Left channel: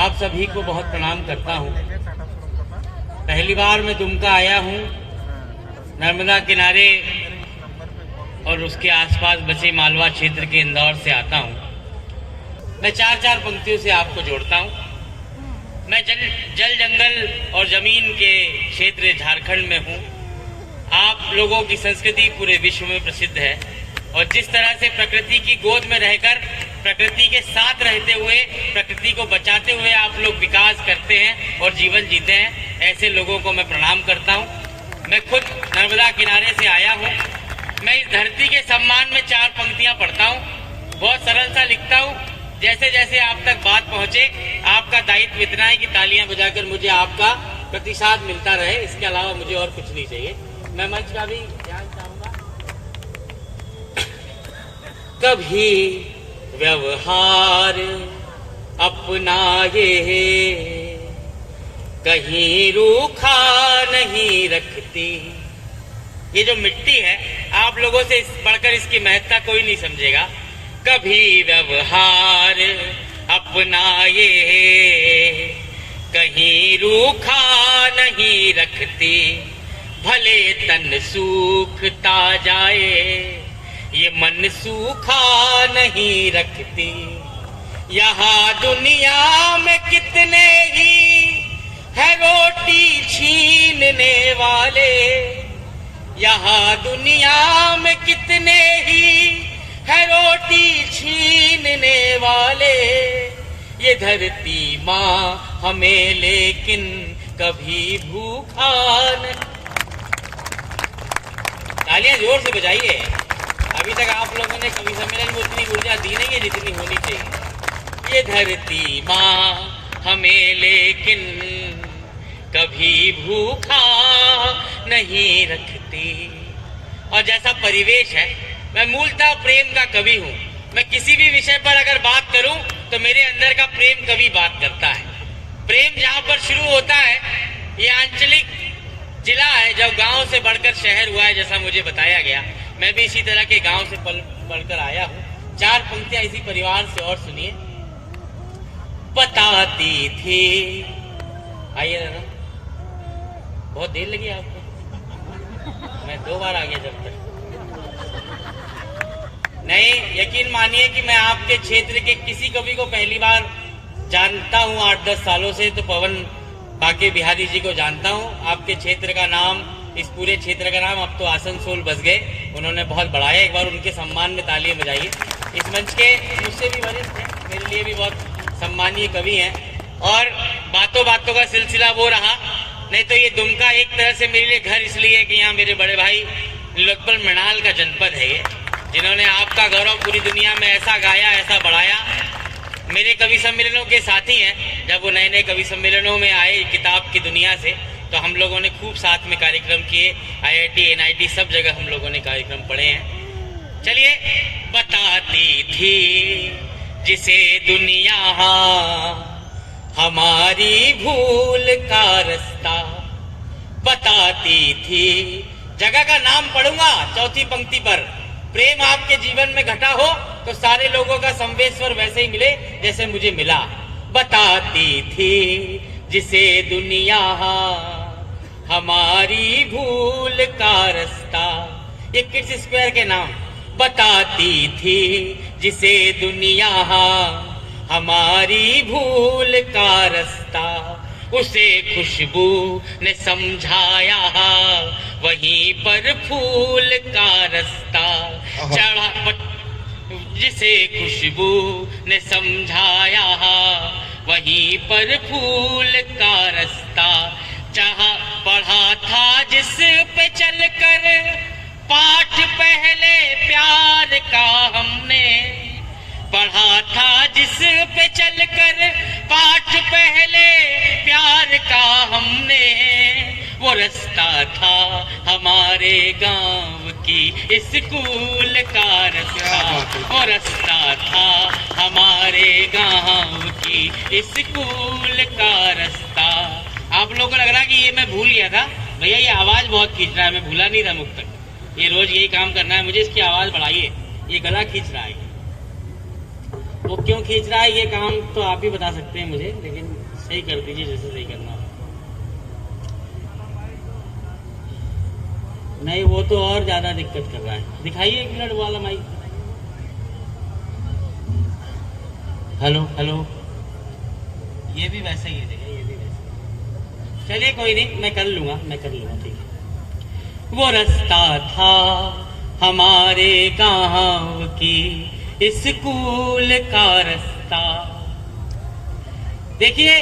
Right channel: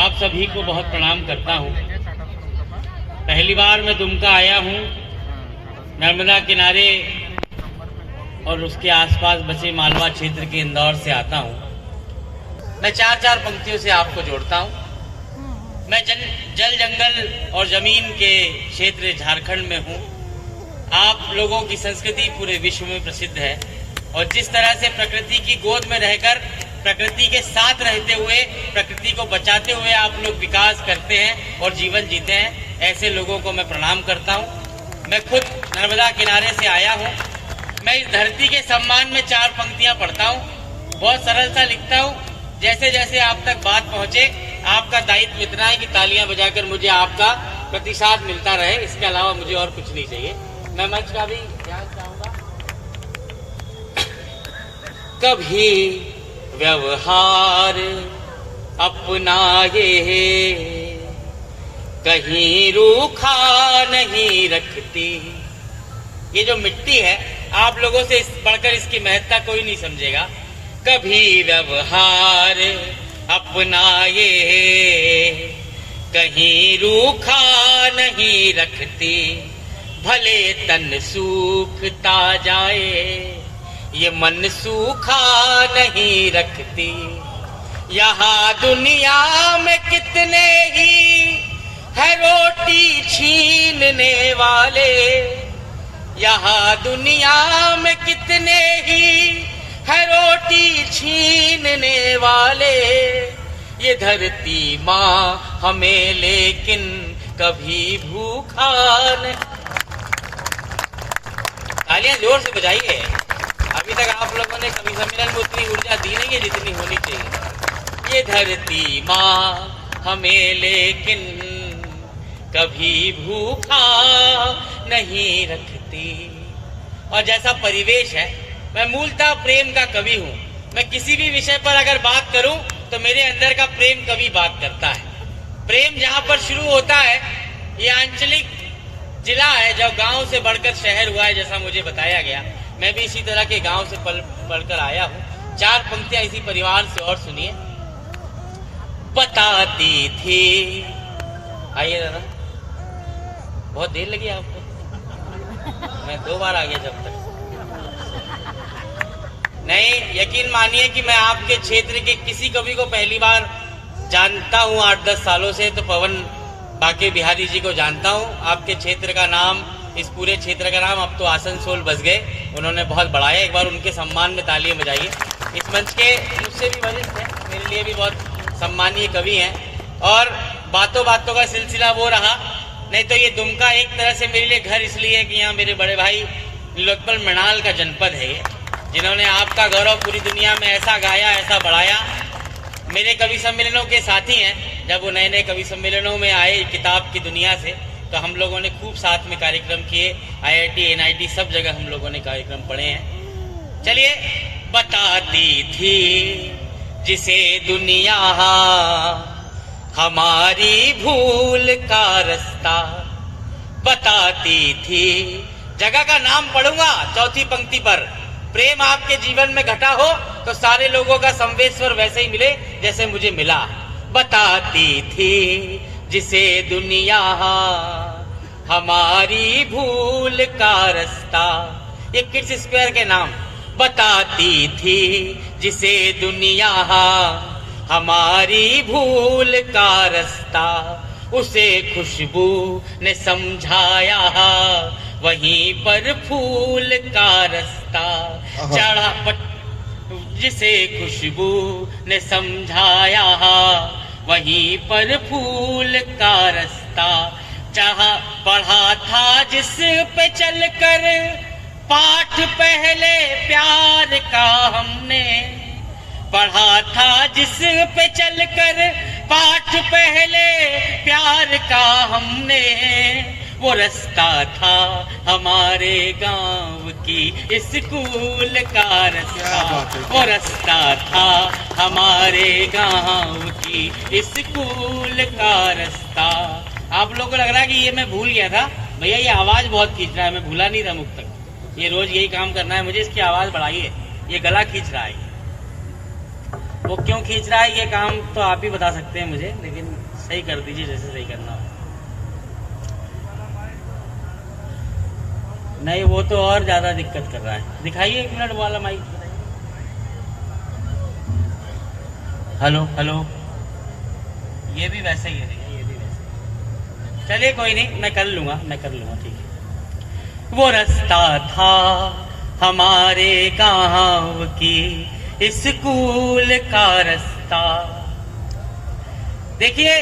आप सभी को बहुत प्रणाम करता हूँ। पहली बार मैं दुमका आया हूँ। नर्मदा किनारे और उसके आसपास बसे मालवा क्षेत्र के इंदौर से आता हूँ। मैं चार पंक्तियों से आपको जोड़ता हूँ। मैं जल जंगल और जमीन के क्षेत्र झारखंड में हूँ। आप लोगों की संस्कृति पूरे विश्व में प्रसिद्ध है और जिस तरह से प्रकृति की गोद में रहकर प्रकृति के साथ रहते हुए प्रकृति को बचाते हुए आप लोग विकास करते हैं और जीवन जीते हैं, ऐसे लोगों को मैं प्रणाम करता हूँ। मैं खुद नर्मदा किनारे से आया हूँ। मैं इस धरती के सम्मान में 4 पंक्तियाँ पढ़ता हूँ। बहुत सरल सा लिखता हूँ। जैसे जैसे आप तक बात पहुँचे, आपका दायित्व इतना है कि तालियां बजाकर मुझे आपका प्रतिसाद मिलता रहे। इसके अलावा मुझे और कुछ नहीं चाहिए। मैं मंच का भी ध्यान चाहूंगा। कभी व्यवहार अपनाए, कहीं रूखा नहीं रखती। ये जो मिट्टी है, आप लोगों से बढ़कर इसकी महत्ता कोई नहीं समझेगा। कभी व्यवहार अपनाए, कहीं रूखा नहीं रखती। भले तन सूखता जाए, ये मन सूखा नहीं रखती। यहाँ दुनिया में कितने ही है रोटी छीनने वाले, यहाँ दुनिया में कितने ही है रोटी छीनने वाले। ये धरती माँ हमें लेकिन कभी भूखा न। तालियां जोर से बजाइए। अभी तक आप लोगों ने कवि सम्मेलन में उतनी ऊर्जा दी नहीं है जितनी होनी चाहिए। ये धरती माँ हमें लेकिन कभी भूखा नहीं रखती। और जैसा परिवेश है, मैं मूलतः प्रेम का कवि हूँ। मैं किसी भी विषय पर अगर बात करूँ तो मेरे अंदर का प्रेम कवि बात करता है। प्रेम जहाँ पर शुरू होता है, ये आंचलिक जिला है जब गांव से बढ़कर शहर हुआ है, जैसा मुझे बताया गया। मैं भी इसी तरह के गांव से पढ़कर आया हूँ। 4 पंक्तियां इसी परिवार से और सुनिए। बताती थी, आइए दादा, बहुत देर लगी आपको। मैं 2 बार आ गया जब तक। नहीं, यकीन मानिए कि मैं आपके क्षेत्र के किसी कवि को पहली बार जानता हूँ। 8-10 सालों से तो पवन बाके बिहारी जी को जानता हूँ। आपके क्षेत्र का नाम, इस पूरे क्षेत्र का नाम अब तो आसनसोल बस गए। उन्होंने बहुत बढ़ाया। एक बार उनके सम्मान में तालियां बजाइए। इस मंच के मुझसे भी वरिष्ठ हैं, मेरे लिए भी बहुत सम्मानीय कवि हैं। और बातों बातों का सिलसिला वो रहा। नहीं तो ये दुमका एक तरह से मेरे लिए घर इसलिए है कि यहाँ मेरे बड़े भाई नीलोत्पल मृणाल का जनपद है ये, जिन्होंने आपका गौरव पूरी दुनिया में ऐसा गाया, ऐसा बढ़ाया। मेरे कवि सम्मेलनों के साथी हैं। जब वो नए नए कवि सम्मेलनों में आए किताब की दुनिया से, तो हम लोगों ने खूब साथ में कार्यक्रम किए। IIT NIT सब जगह हम लोगों ने कार्यक्रम पढ़े हैं। चलिए, बताती थी जिसे दुनिया हमारी भूल का रास्ता। बताती थी, जगह का नाम पढ़ूंगा 4थी पंक्ति पर। प्रेम आपके जीवन में घटा हो तो सारे लोगों का संवेश्वर वैसे ही मिले जैसे मुझे मिला। बताती थी जिसे दुनिया हमारी भूल का रास्ता। ये किड्स स्क्वायर के नाम। बताती थी जिसे दुनिया हमारी भूल का रास्ता। उसे खुशबू ने समझाया वहीं पर फूल का रास्ता चढ़ा। जिसे खुशबू ने समझाया वहीं पर फूल का रास्ता जहाँ पढ़ा था जिस पे चलकर पाठ पहले प्यार का हमने। पढ़ा था जिस पे चलकर पाठ पहले प्यार का हमने। वो रास्ता था हमारे गांव की स्कूल का रास्ता। वो रास्ता था हमारे गांव की स्कूल का रास्ता। आप लोगों को लग रहा है कि ये मैं भूल गया था। भैया ये आवाज बहुत खींच रहा है, मैं भूला नहीं रहा मुख तक। ये रोज यही काम करना है मुझे। इसकी आवाज बढ़ाइए, ये गला खींच रहा है। वो क्यों खींच रहा है ये काम तो आप ही बता सकते हैं मुझे, लेकिन सही कर दीजिए जैसे सही करना हो। नहीं वो तो और ज्यादा दिक्कत कर रहा है। दिखाइए 1 मिनट वाला माइक। हेलो हेलो, ये भी वैसे ही है, ये भी वैसे। चलिए कोई नहीं, मैं कर लूंगा ठीक है। वो रास्ता था हमारे गांव की स्कूल का रास्ता। देखिए,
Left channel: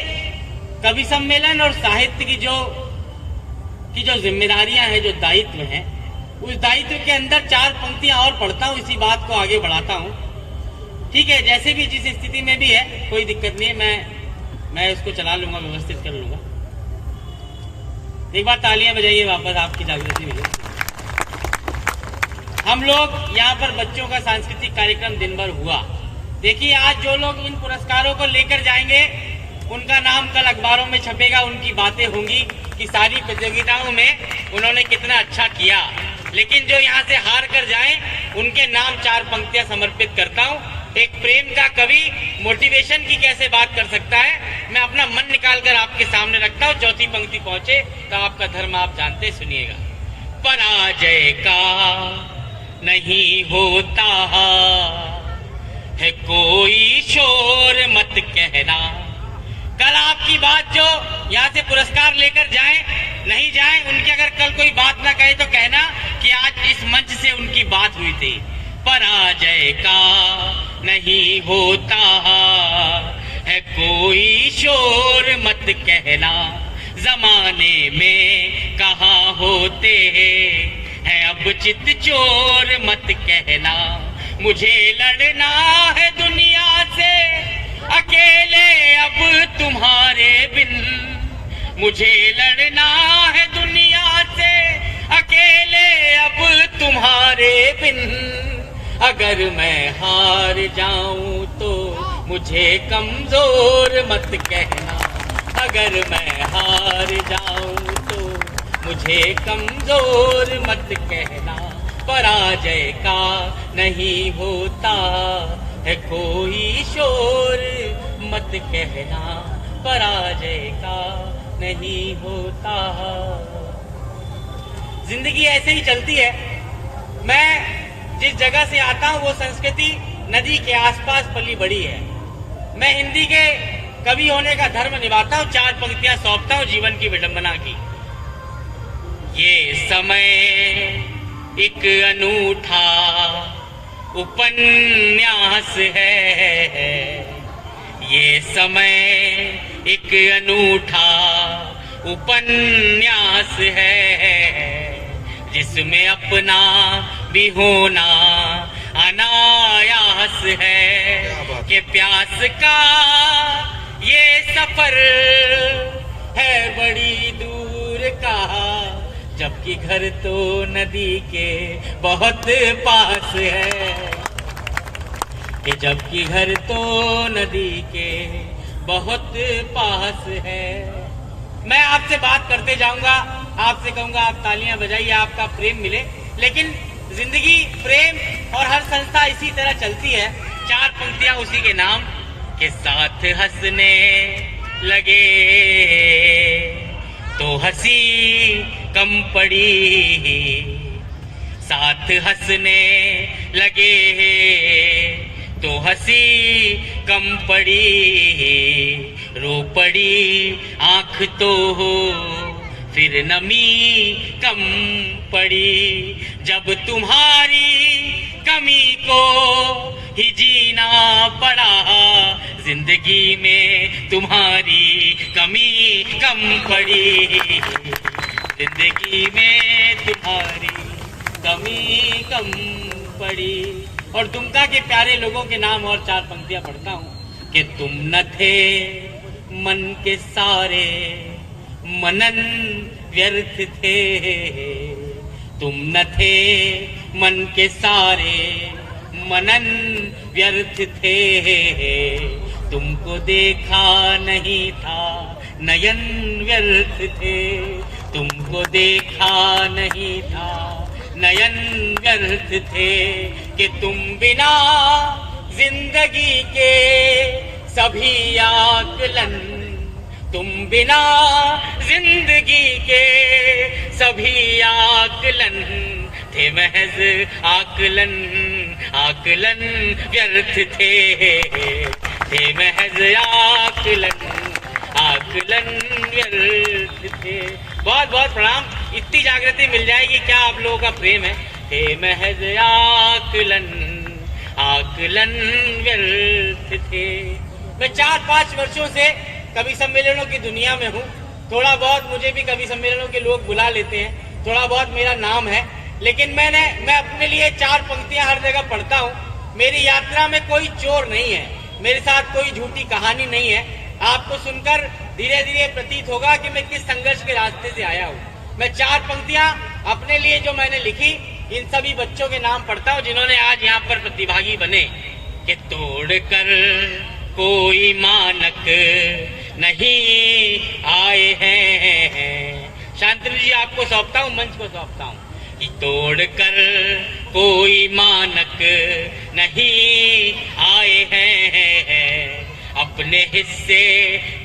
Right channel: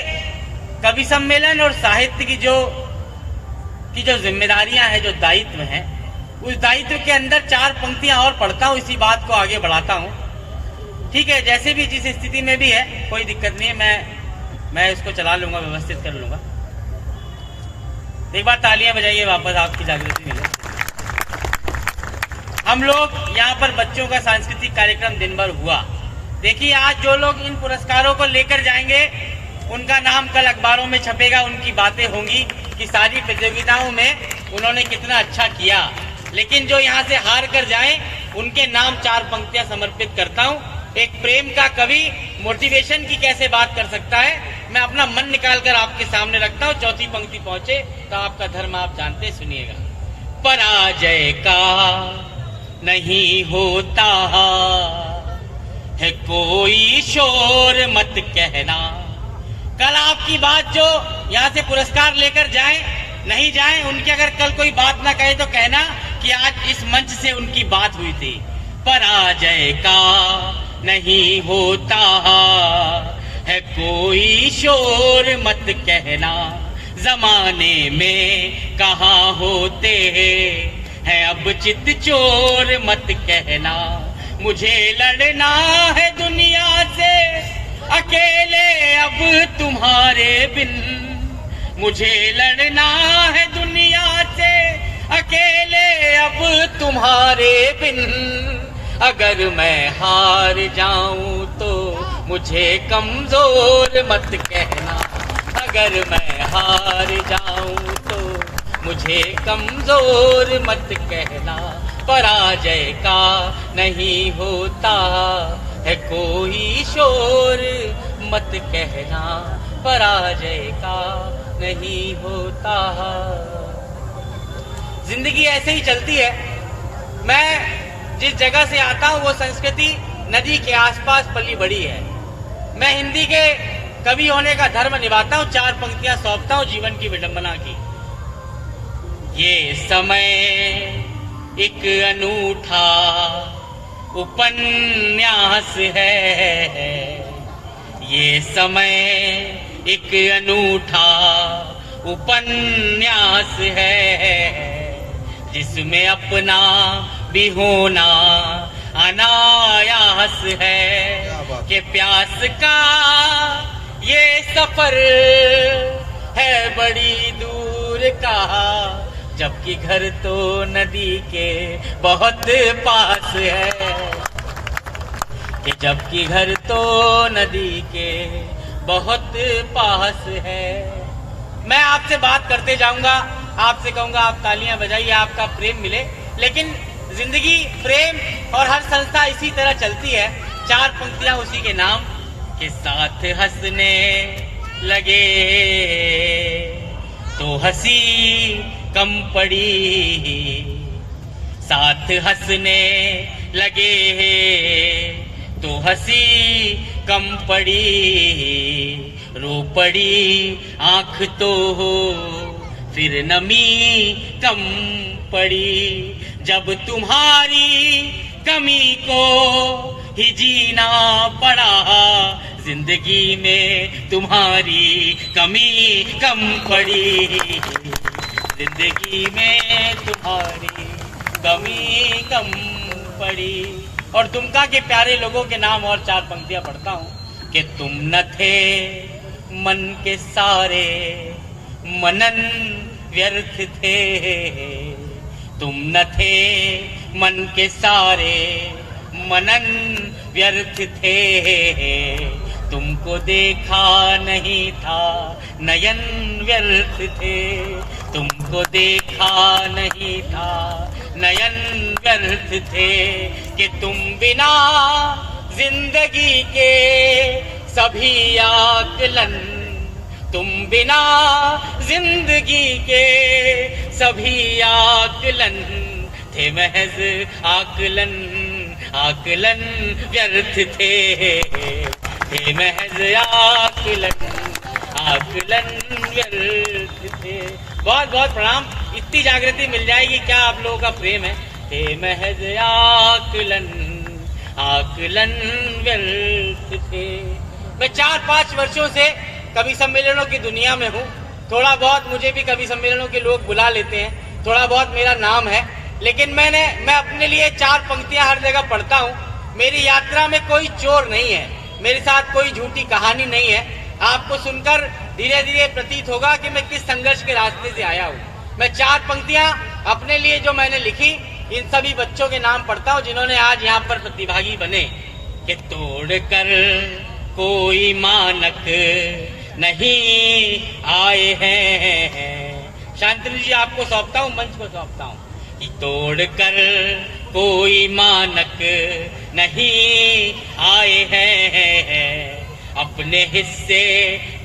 कवि सम्मेलन और साहित्य की जो जिम्मेदारियां हैं, जो दायित्व हैं, उस दायित्व के अंदर 4 पंक्तियां और पढ़ता हूं, इसी बात को आगे बढ़ाता हूं। ठीक है, जैसे भी जिस स्थिति में भी है कोई दिक्कत नहीं है, मैं इसको चला लूंगा, व्यवस्थित कर लूंगा। एक बार तालियां बजाइए, वापस आपकी जागृति मिले। हम लोग यहाँ पर बच्चों का सांस्कृतिक कार्यक्रम दिन भर हुआ। देखिए, आज जो लोग इन पुरस्कारों को लेकर जाएंगे उनका नाम कल अखबारों में छपेगा, उनकी बातें होंगी कि सारी प्रतियोगिताओं में उन्होंने कितना अच्छा किया। लेकिन जो यहाँ से हार कर जाएं, उनके नाम 4 पंक्तियां समर्पित करता हूँ। एक प्रेम का कवि मोटिवेशन की कैसे बात कर सकता है, मैं अपना मन निकाल कर आपके सामने रखता हूँ। 4थी पंक्ति पहुंचे तो आपका धर्म आप जानते, सुनिएगा। पराजय का नहीं होता है कोई शोर मत कहना। कल आपकी बात जो यहाँ से पुरस्कार लेकर जाएं, नहीं जाएं, उनकी अगर कल कोई बात ना कहे तो कहना कि आज इस मंच से उनकी बात हुई थी। पराजय का नहीं होता है कोई शोर मत कहना। जमाने में कहाँ होते हैं अब चित चोर मत कहना। मुझे लड़ना है दुनिया से अकेले अब तुम्हारे बिन। मुझे लड़ना है दुनिया से अकेले अब तुम्हारे बिन। अगर मैं हार जाऊं तो मुझे कमजोर मत कहना। अगर मैं हार जाऊं तो मुझे कमजोर मत कहना। पराजय का नहीं होता है कोई शोर मत कहना। पराजय का नहीं होता। जिंदगी ऐसे ही चलती है। मैं जिस जगह से आता हूँ वो संस्कृति नदी के आसपास पली बड़ी है। मैं हिंदी के कवि होने का धर्म निभाता हूँ। 4 पंक्तियां सौंपता हूँ जीवन की विडंबना की। ये समय एक अनूठा उपन्यास है। ये समय एक अनूठा उपन्यास है, जिसमें अपना भी होना अनायास है। कि प्यास का ये सफर है बड़ी दूर का, जबकि घर तो नदी के बहुत पास है। कि जबकि घर तो नदी के बहुत पास है। मैं आपसे बात करते जाऊंगा, आपसे कहूंगा आप तालियां बजाइए, आपका प्रेम मिले। लेकिन जिंदगी प्रेम और हर संस्था इसी तरह चलती है। 4 पंक्तियां उसी के नाम के साथ हंसने लगे तो हंसी कम पड़ी। साथ हंसने लगे तो हंसी कम पड़ी। रो पड़ी आंख तो हो फिर नमी कम पड़ी। जब तुम्हारी कमी को ही जीना पड़ा, जिंदगी में तुम्हारी कमी कम पड़ी। जिंदगी में तुम्हारी कमी कम पड़ी। और दुमका के प्यारे लोगों के नाम और 4 पंक्तियां पढ़ता हूँ। कि तुम न थे मन के सारे मनन व्यर्थ थे। तुम न थे मन के सारे मनन व्यर्थ थे। तुमको देखा नहीं था नयन व्यर्थ थे। तुमको देखा नहीं था नयन व्यर्थ थे। कि तुम बिना जिंदगी के सभी आकलन, तुम बिना जिंदगी के सभी आकलन थे महज आकलन, आकलन व्यर्थ थे महज आकलन, आकलन व्यर्थ थे। बहुत बहुत प्रणाम। इतनी जागृति मिल जाएगी, क्या आप लोगों का प्रेम है। हे महज आकलन, आकलन व्यर्थ थे। मैं 4-5 वर्षों से कवि सम्मेलनों की दुनिया में हूँ। थोड़ा बहुत मुझे भी कवि सम्मेलनों के लोग बुला लेते हैं, थोड़ा बहुत मेरा नाम है, लेकिन मैं अपने लिए 4 पंक्तियां हर जगह पढ़ता हूँ। मेरी यात्रा में कोई चोर नहीं है, मेरे साथ कोई झूठी कहानी नहीं है। आपको सुनकर धीरे धीरे प्रतीत होगा कि मैं किस संघर्ष के रास्ते से आया हूँ। मैं 4 पंक्तियां अपने लिए जो मैंने लिखी, इन सभी बच्चों के नाम पढ़ता हूँ जिन्होंने आज यहाँ पर प्रतिभागी बने। कि तोड़कर कोई मानक नहीं आए हैं। शांतनु जी आपको सौंपता हूँ, मंच को सौंपता हूँ। कि तोड़कर कोई मानक नहीं आए हैं, अपने हिस्से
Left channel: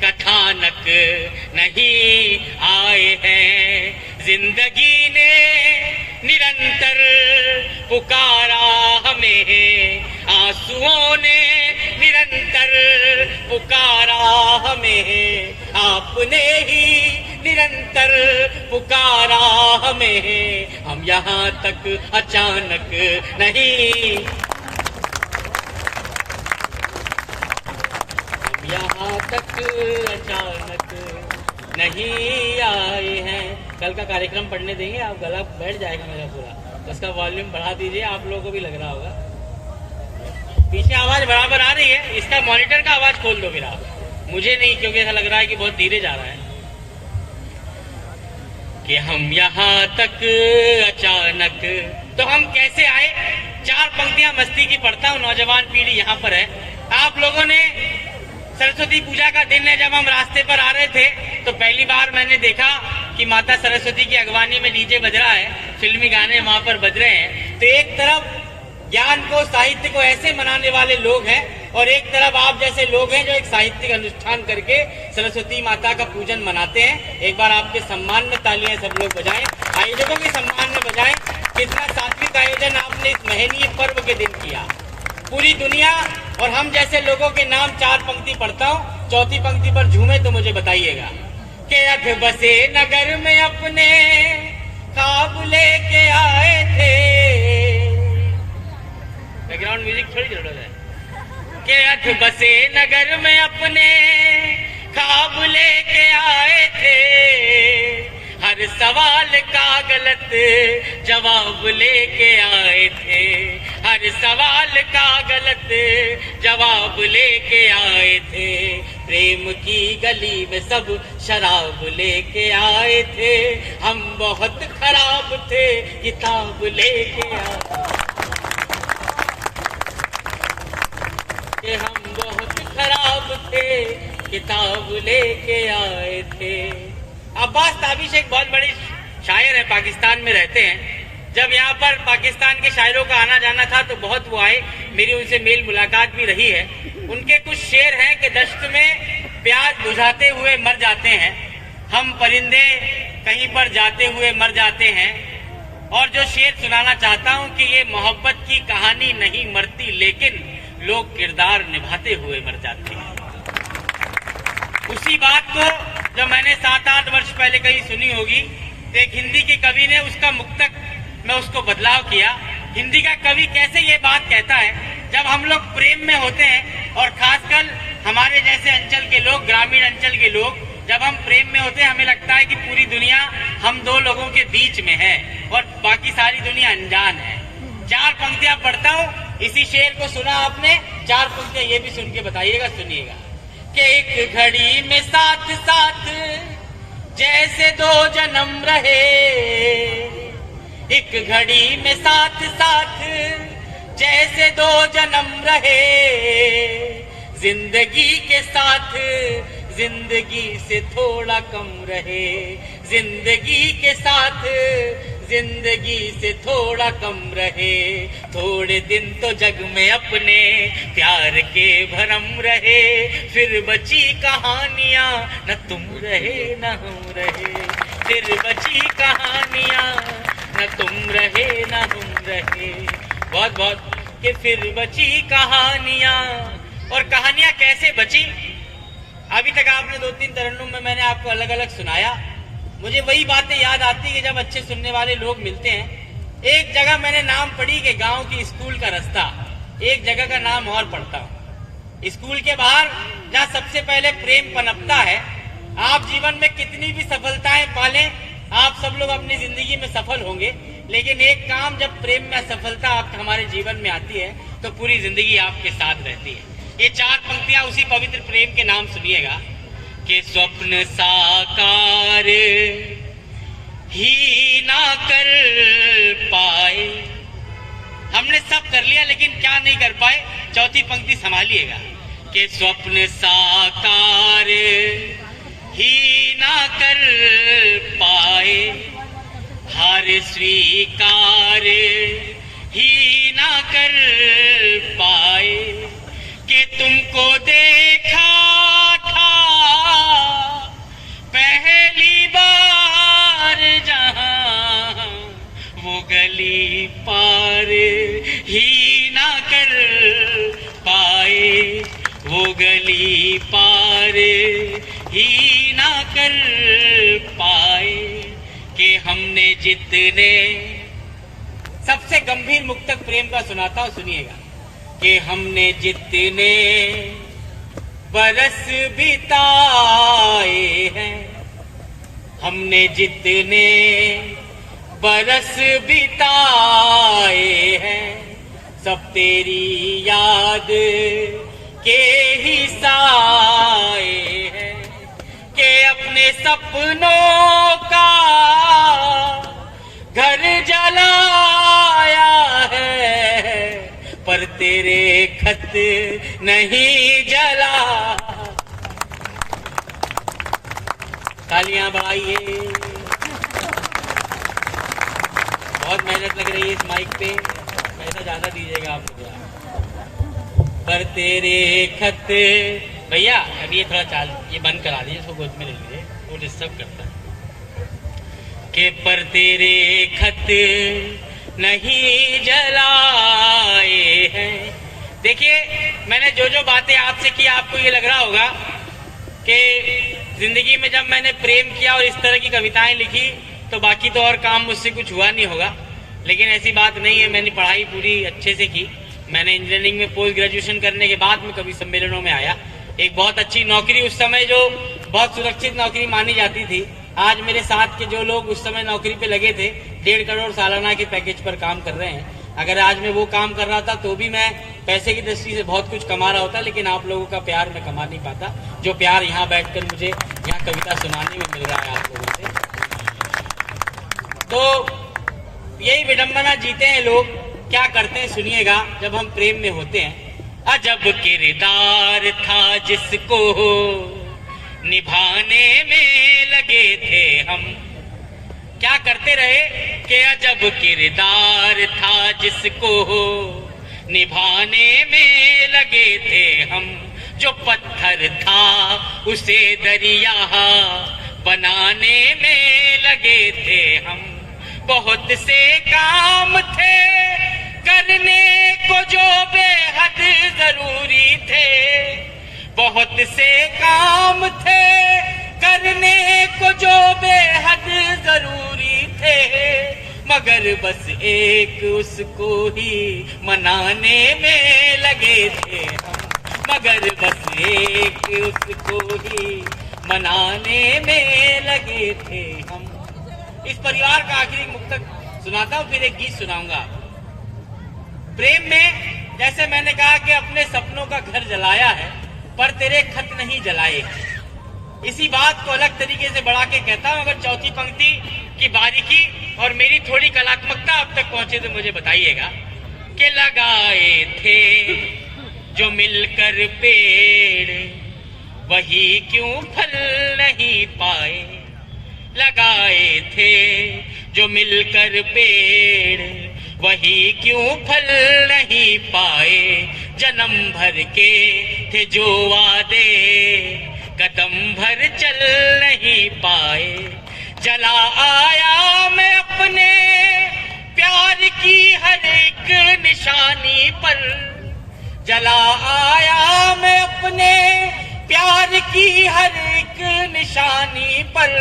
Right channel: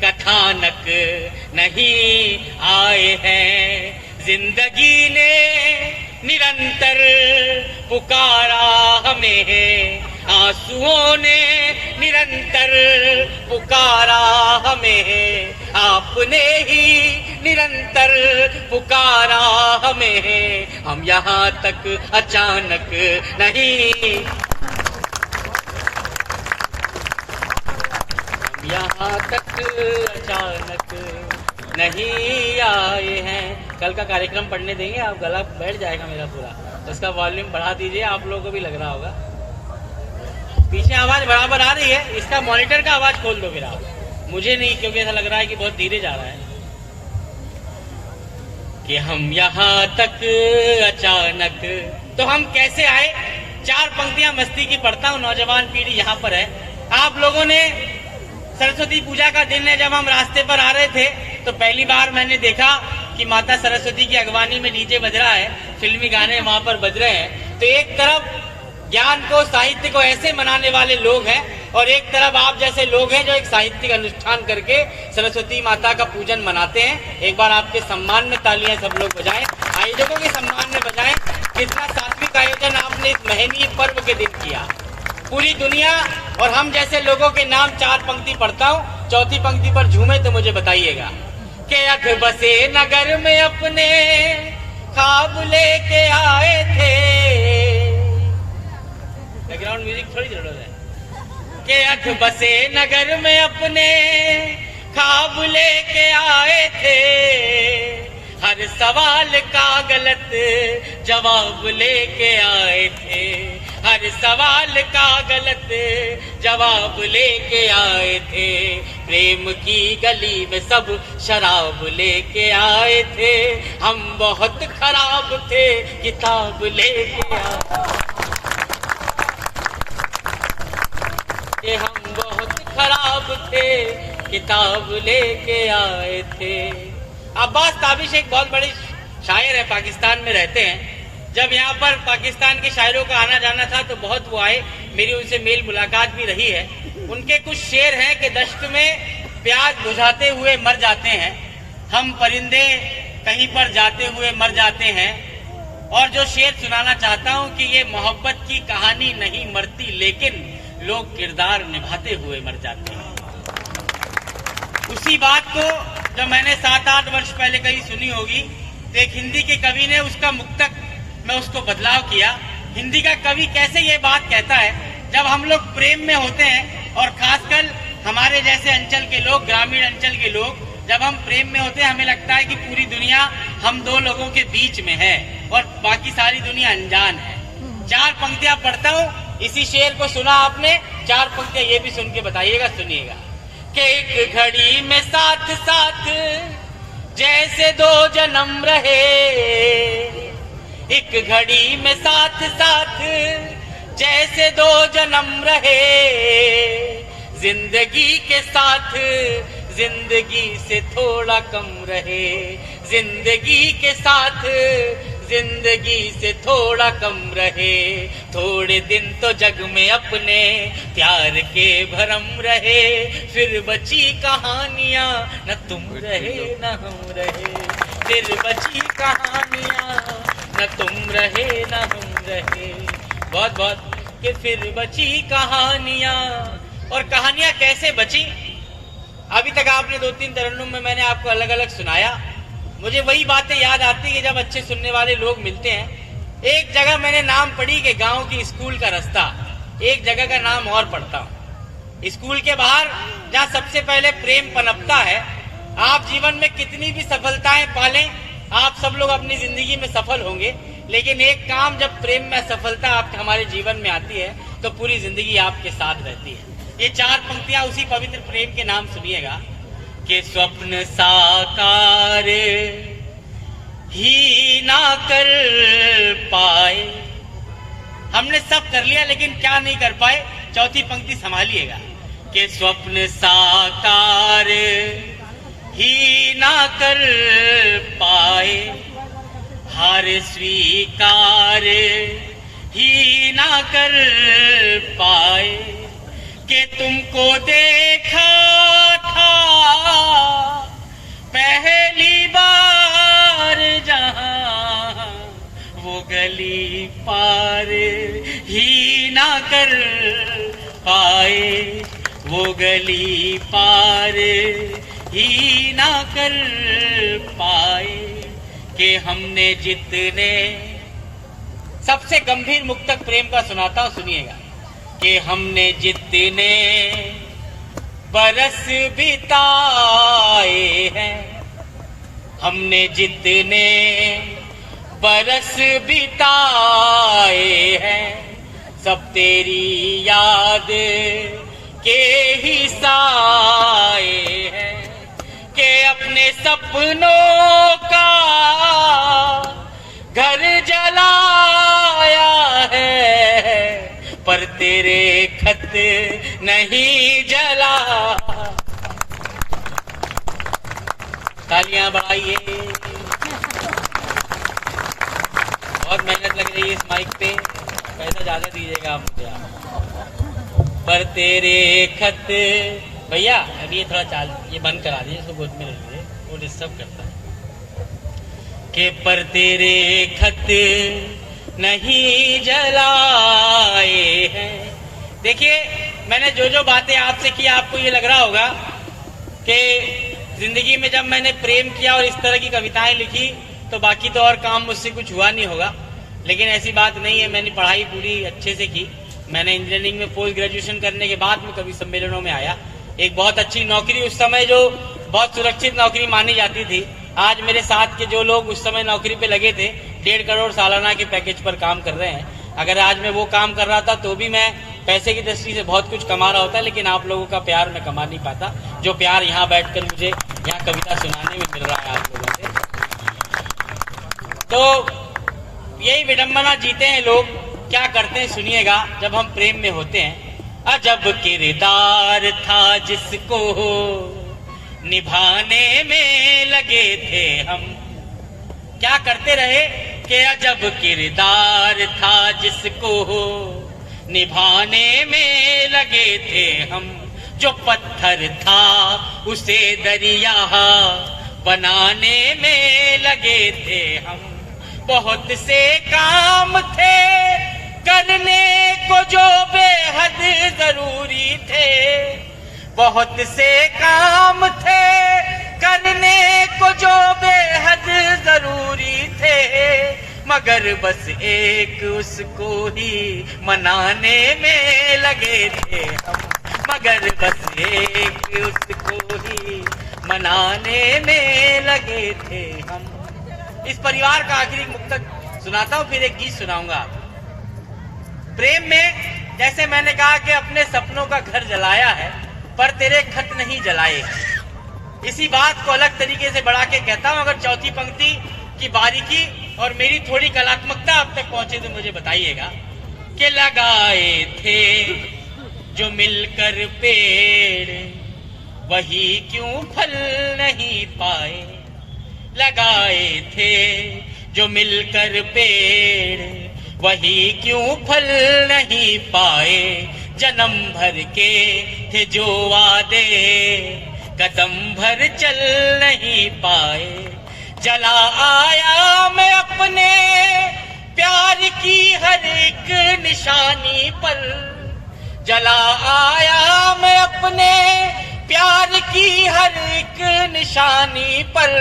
कथानक नहीं आए हैं। जिंदगी ने निरंतर पुकारा हमें, आंसुओं ने निरंतर पुकारा हमें, आपने ही निरंतर पुकारा हमें। हम यहाँ तक अचानक नहीं, यहाँ तक अचानक नहीं आए हैं। कल का कार्यक्रम पढ़ने देंगे आप? गला बैठ जाएगा मेरा पूरा, तो इसका वॉल्यूम बढ़ा दीजिए। आप लोगों को भी लग रहा होगा पीछे आवाज बराबर आ रही है। इसका मॉनिटर का आवाज खोल दो फिर आप, मुझे नहीं, क्योंकि ऐसा लग रहा है कि बहुत धीरे जा रहा है। कि हम यहाँ तक अचानक, तो हम कैसे आए? 4 पंक्तियां मस्ती की पढ़ता हूँ। नौजवान पीढ़ी यहाँ पर है। आप लोगों ने सरस्वती पूजा का दिन है, जब हम रास्ते पर आ रहे थे तो पहली बार मैंने देखा कि माता सरस्वती की अगवानी में डीजे बज रहा है, फिल्मी गाने वहां पर बज रहे हैं। तो एक तरफ ज्ञान को, साहित्य को ऐसे मनाने वाले लोग हैं, और एक तरफ आप जैसे लोग हैं जो एक साहित्यिक अनुष्ठान करके सरस्वती माता का पूजन मनाते हैं। एक बार आपके सम्मान में तालियां सब लोग बजाएं, आयोजकों के सम्मान में बजाएं। कितना सात्विक आयोजन आपने इस महनीय पर्व के दिन किया। पूरी दुनिया और हम जैसे लोगों के नाम 4 पंक्ति पढ़ता हूँ, चौथी पंक्ति पर झूमे तो मुझे बताइएगा। के अख बसे नगर में अपने ख्वाब लेके आए थे। बैकग्राउंड म्यूजिक थोड़ी जरूरत है। के अख बसे नगर में अपने ख्वाब लेके आए थे, हर सवाल का गलत जवाब लेके आए थे, हर सवाल का गलत जवाब लेके आए थे। प्रेम की गली में सब शराब लेके आए थे, हम बहुत खराब थे किताब लेके आए, हम बहुत खराब थे किताब लेके आए थे। अब्बास ताबिश एक बहुत बड़े शायर है, पाकिस्तान में रहते हैं। जब यहाँ पर पाकिस्तान के शायरों का आना जाना था तो बहुत वो आए, मेरी उनसे मेल मुलाकात भी रही है। उनके कुछ शेर हैं कि दश्त में प्याज बुझाते हुए मर जाते हैं, हम परिंदे कहीं पर जाते हुए मर जाते हैं। और जो शेर सुनाना चाहता हूँ कि ये मोहब्बत की कहानी नहीं मरती, लेकिन लोग किरदार निभाते हुए मर जाते हैं। उसी बात को जब मैंने 7-8 वर्ष पहले कहीं सुनी होगी, तो एक हिंदी के कवि ने उसका मुक्तक में उसको बदलाव किया। हिंदी का कवि कैसे ये बात कहता है, जब हम लोग प्रेम में होते हैं और खासकर हमारे जैसे अंचल के लोग, ग्रामीण अंचल के लोग, जब हम प्रेम में होते हैं हमें लगता है कि पूरी दुनिया हम 2 लोगों के बीच में है और बाकी सारी दुनिया अनजान है। 4 पंक्तियां पढ़ता हूँ, इसी शेर को सुना आपने, 4 पंक्तियां ये भी सुन के बताइएगा, सुनिएगा। कि एक घड़ी में साथ साथ जैसे 2 जन्म रहे, एक घड़ी में साथ साथ जैसे 2 जन्म रहे, जिंदगी के साथ जिंदगी से थोड़ा कम रहे, जिंदगी के साथ जिंदगी से थोड़ा कम रहे, थोड़े दिन तो जग में अपने प्यार के भरम रहे, फिर बची कहानियां न तुम रहे न हम रहे, फिर बची कहानियां न तुम रहे न हम रहे। बहुत बहुत कि फिर बची कहानियां। और कहानियां कैसे बची? अभी तक आपने 2-3 तरन्नुम में मैंने आपको अलग अलग सुनाया। मुझे वही बातें याद आती है जब अच्छे सुनने वाले लोग मिलते हैं। एक जगह मैंने नाम पढ़ी कि गांव की स्कूल का रास्ता, एक जगह का नाम और पढ़ता हूँ। स्कूल के बाहर जहाँ सबसे पहले प्रेम पनपता है। आप जीवन में कितनी भी सफलताएं पालें, आप सब लोग अपनी जिंदगी में सफल होंगे, लेकिन एक काम जब प्रेम में सफलता आप हमारे जीवन में आती है तो पूरी जिंदगी आपके साथ रहती है। ये 4 पंक्तियां उसी पवित्र प्रेम के नाम सुनिएगा कि स्वप्न साकार ही ना कर पाए। हमने सब कर लिया लेकिन क्या नहीं कर पाए? चौथी पंक्ति संभालिएगा कि स्वप्न साकार ही ना कर पाए, हार स्वीकार ही ना कर पाए, कि तुमको देखा था पहली बार जहां, वो गली पार ही ना कर पाए, वो गली पार ही ना कर पाए, कि हमने जितने। सबसे गंभीर मुक्तक प्रेम का सुनाता हूं, सुनिएगा कि हमने जितने बरस बिताए हैं, हमने जितने बरस बिताए हैं, सब तेरी याद के ही साए हैं, कि अपने सपनों का घर जलाया है, पर तेरे खत नहीं जला। तालियां बढ़ाइए। बहुत मेहनत लग रही है इस माइक पे, पैसा ज्यादा दीजिएगा आप मुझे। पर तेरे खत, भैया अभी ये थोड़ा ये बंद करा दीजिए, इसको गोद में ले लीजिए, वो डिस्टर्ब करता है। कि पर तेरे खत नहीं जलाए हैं। देखिए मैंने जो जो बातें आपसे की, आपको ये लग रहा होगा कि जिंदगी में जब मैंने प्रेम किया और इस तरह की कविताएं लिखी तो बाकी तो और काम मुझसे कुछ हुआ नहीं होगा, लेकिन ऐसी बात नहीं है। मैंने पढ़ाई पूरी अच्छे से की। मैंने इंजीनियरिंग में पोस्ट ग्रेजुएशन करने के बाद में कवि सम्मेलनों में आया। एक बहुत अच्छी नौकरी, उस समय जो बहुत सुरक्षित नौकरी मानी जाती थी, आज मेरे साथ के जो लोग उस समय नौकरी पे लगे थे 1.5 करोड़ सालाना के पैकेज पर काम कर रहे हैं। अगर आज मैं वो काम कर रहा था तो भी मैं पैसे की दृष्टि से बहुत कुछ कमा रहा होता, लेकिन आप लोगों का प्यार मैं कमा नहीं पाता, जो प्यार यहाँ बैठकर मुझे यहाँ कविता सुनाने में मिल रहा है आप लोगों से। तो यही विडंबना जीते हैं लोग। क्या करते हैं सुनिएगा। जब हम प्रेम में होते हैं, अजब किरदार था जिसको निभाने में लगे थे हम। क्या करते रहे कि अजब किरदार था जिसको निभाने में लगे थे हम। जो पत्थर था उसे दरिया बनाने में लगे थे हम। बहुत से काम थे करने को जो बेहद जरूरी थे, बहुत से काम थे करने को जो बेहद जरूरी थे, मगर बस एक उसको ही मनाने में लगे थे हम। मगर बस एक उसको ही मनाने में लगे थे हम। इस परिवार का आखिरी मुक्तक सुनाता हूँ, फिर एक गीत सुनाऊंगा आपको। प्रेम में जैसे मैंने कहा कि अपने सपनों का घर जलाया है पर तेरे खत नहीं जलाए। इसी बात को अलग तरीके से बढ़ा के कहता हूं। अगर चौथी पंक्ति की बारीकी और मेरी थोड़ी कलात्मकता आप तक पहुंचे तो मुझे बताइएगा कि लगाए थे जो मिलकर पेड़ वही क्यों फल नहीं पाए। लगाए थे जो मिलकर पेड़, वही क्यों फल नहीं पाए। जन्म भर के थे जो वादे, कदम भर चल नहीं पाए। जला आया मैं अपने प्यार की हर एक निशानी पर, जला आया मैं अपने प्यार की हर एक निशानी पर।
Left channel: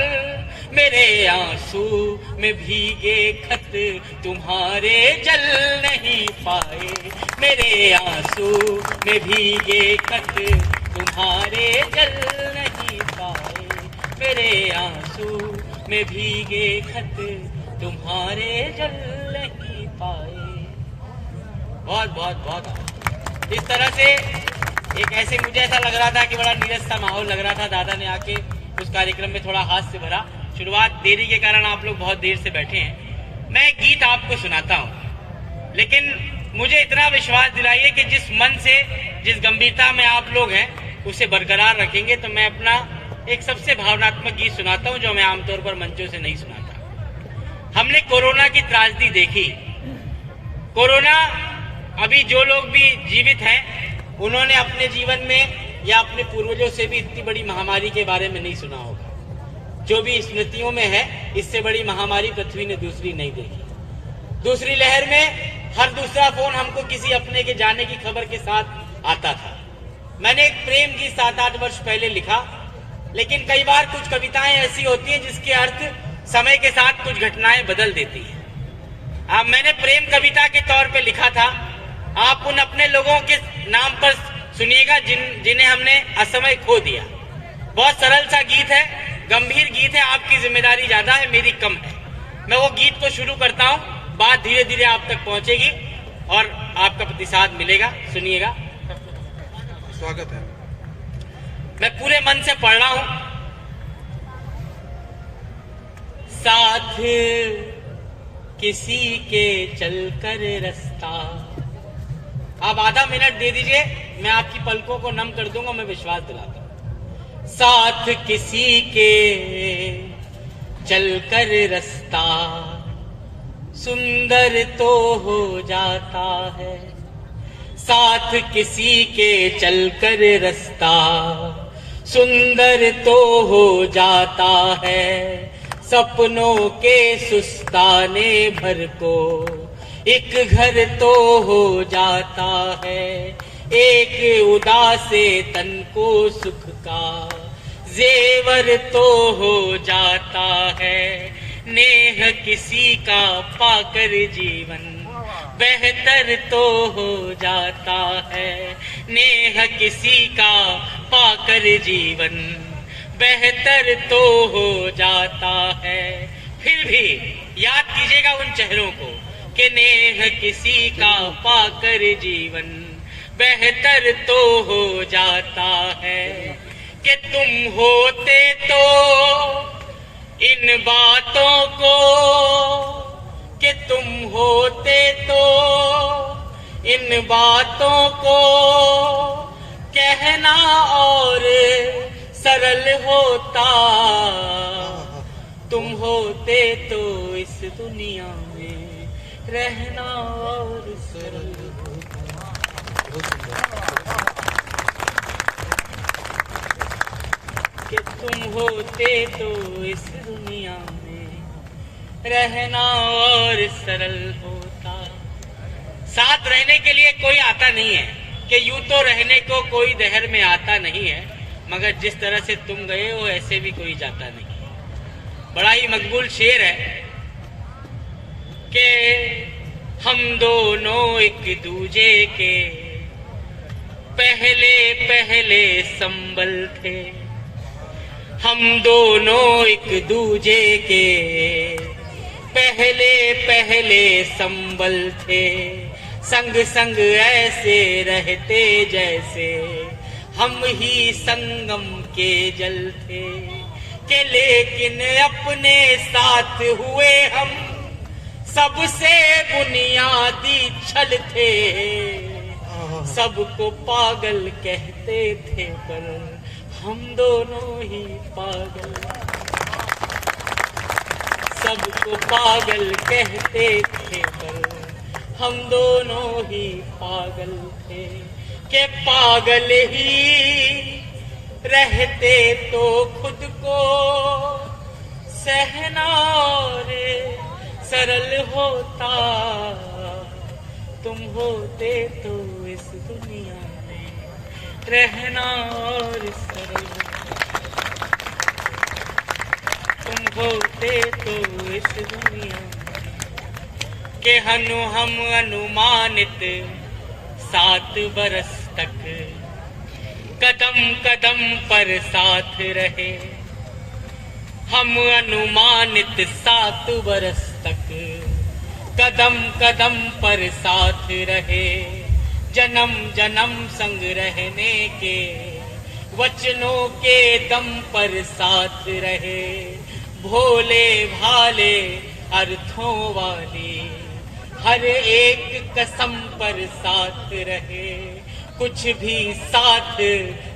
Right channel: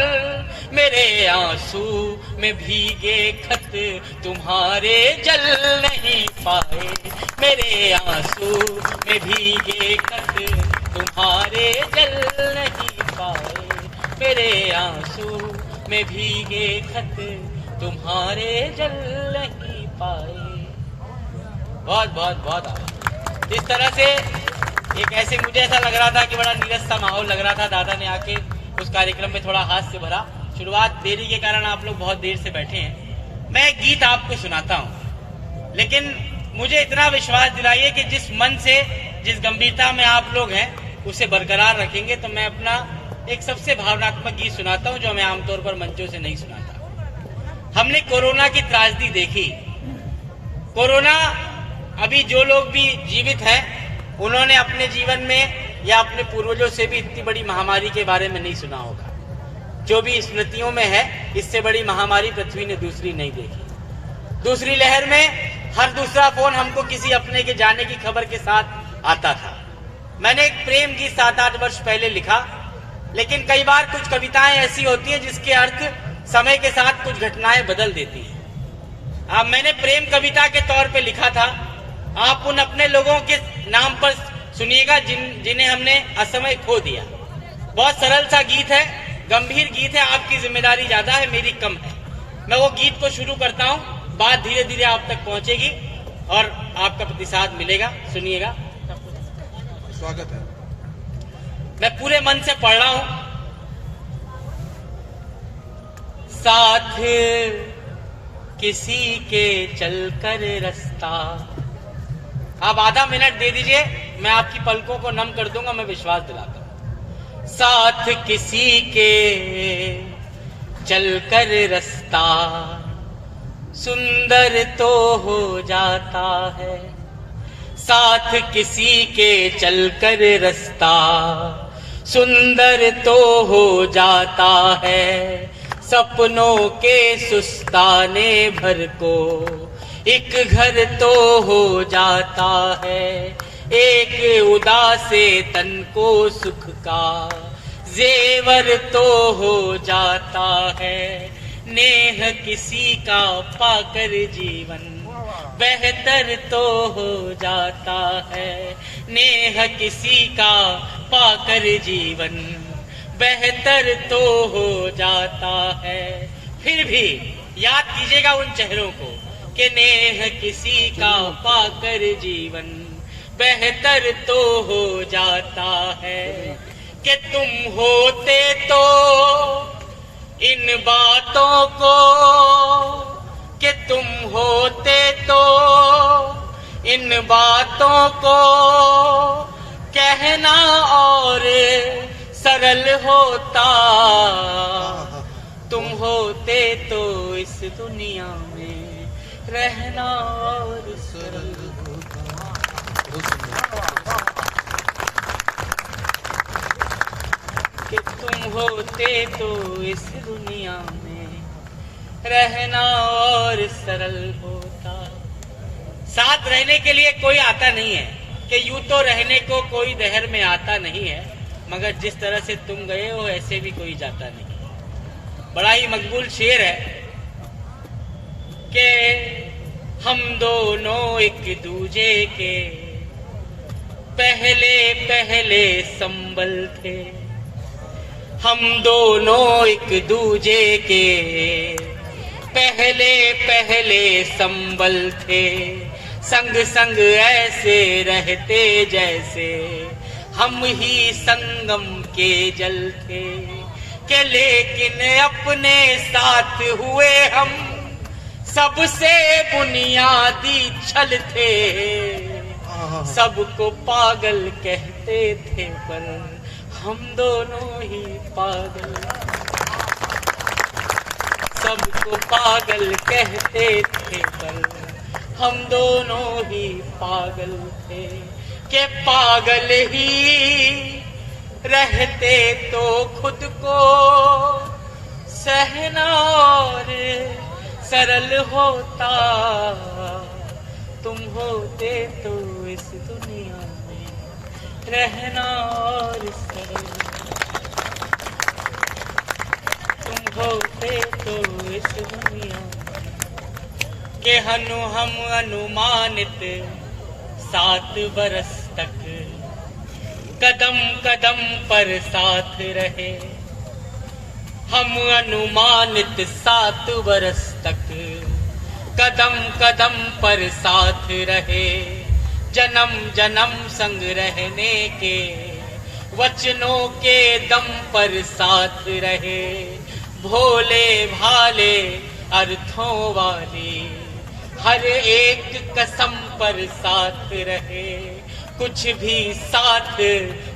मेरे आंसू में भीगे खत तुम्हारे जल नहीं पाए। मेरे आंसू में भीगे खत तुम्हारे जल नहीं पाए। मेरे आंसू में भीगे खत तुम्हारे जल नहीं पाए। बहुत बहुत बहुत इस तरह से एक ऐसे मुझे ऐसा लग रहा था कि बड़ा नीरस सा माहौल लग रहा था। दादा ने आके उस कार्यक्रम में थोड़ा हास्य भरा। शुरुआत देरी के कारण आप लोग बहुत देर से बैठे हैं। मैं एक गीत आपको सुनाता हूं, लेकिन मुझे इतना विश्वास दिलाइए कि जिस मन से, जिस गंभीरता में आप लोग हैं उसे बरकरार रखेंगे। तो मैं अपना एक सबसे भावनात्मक गीत सुनाता हूं जो मैं आमतौर पर मंचों से नहीं सुनाता। हमने कोरोना की त्रासदी देखी। कोरोना, अभी जो लोग भी जीवित हैं उन्होंने अपने जीवन में या अपने पूर्वजों से भी इतनी बड़ी महामारी के बारे में नहीं सुना होगा। जो भी स्मृतियों में है, इससे बड़ी महामारी पृथ्वी ने दूसरी नहीं देखी। दूसरी लहर में हर दूसरा फोन हमको किसी अपने के जाने की खबर के साथ आता था। मैंने एक प्रेम गीत 7-8 वर्ष पहले लिखा, लेकिन कई बार कुछ कविताएं ऐसी होती हैं जिसके अर्थ समय के साथ कुछ घटनाएं बदल देती हैं। अब मैंने प्रेम कविता के तौर पे लिखा था। आप उन अपने लोगों के नाम पर सुनिएगा जिन्हें हमने असमय खो दिया। बहुत सरल सा गीत है, गंभीर गीत है। आपकी जिम्मेदारी ज्यादा है, मेरी कम है। मैं वो गीत को शुरू करता हूँ, बात धीरे धीरे आप तक पहुंचेगी और आपका प्रतिसाद मिलेगा। सुनिएगा। स्वागत है। मैं पूरे मन से पढ़ रहा हूं। साथ किसी के चलकर रास्ता। आप आधा मिनट दे दीजिए, मैं आपकी पलकों को नम कर दूंगा, मैं विश्वास दिलाता हूं। साथ किसी के चलकर रास्ता सुंदर तो हो जाता है। साथ किसी के चलकर रास्ता सुंदर तो हो जाता है। सपनों के सुस्ताने भर को एक घर तो हो जाता है। एक उदासे तन को सुख का जेवर तो हो जाता है। नेह किसी का पाकर जीवन बेहतर तो हो जाता है। नेह किसी का पाकर जीवन बेहतर तो हो जाता है। फिर भी याद कीजिएगा उन चेहरों को कि नेह किसी का पाकर जीवन बेहतर तो हो जाता है। कि तुम होते तो इन बातों को, कि तुम होते तो इन बातों को कहना और सरल होता। तुम होते तो इस दुनिया में रहना और सरल होता। कि तुम होते तो इस दुनिया में रहना और सरल होता। साथ रहने के लिए कोई आता नहीं है, कि यूं तो रहने को कोई दहर में आता नहीं है, मगर जिस तरह से तुम गए हो ऐसे भी कोई जाता नहीं। बड़ा ही मकबूल शेर है कि हम दोनों एक दूजे के पहले पहले संबल थे। हम दोनों एक दूजे के पहले पहले संबल थे। संग संग ऐसे रहते जैसे हम ही संगम के जल थे। कि लेकिन अपने साथ हुए हम सबसे बुनियादी छल थे। सबको पागल कहते थे पर हम दोनों ही पागल। सबको पागल कहते थे पर हम दोनों ही पागल थे कि पागल ही रहते तो खुद को सहना और सरल होता, तुम होते तो इस दुनिया में रहना और सरल, तुम होते तो इस दुनिया में के हम अनुमानित 7 बरस तक कदम कदम पर साथ रहे, हम अनुमानित 7 बरस तक कदम कदम पर साथ रहे, जन्म जन्म संग रहने के वचनों के दम पर साथ रहे, भोले भाले अर्थों वाली हर एक कसम पर साथ रहे, कुछ भी साथ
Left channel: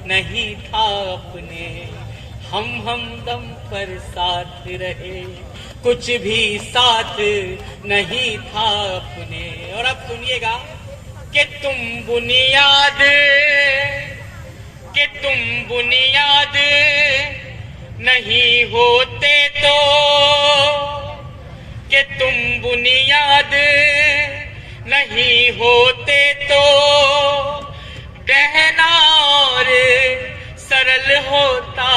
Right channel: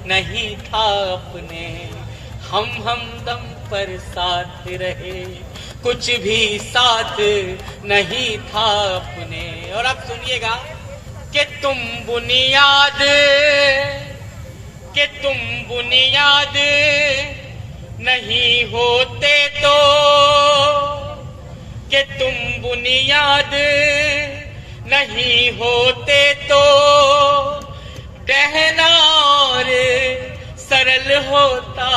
नहीं था अपने, हम दम पर साथ रहे, कुछ भी साथ नहीं था अपने। और अब सुनिएगा कि तुम बुनियाद नहीं होते तो, कि तुम बुनियाद नहीं होते तो कहना और सरल होता,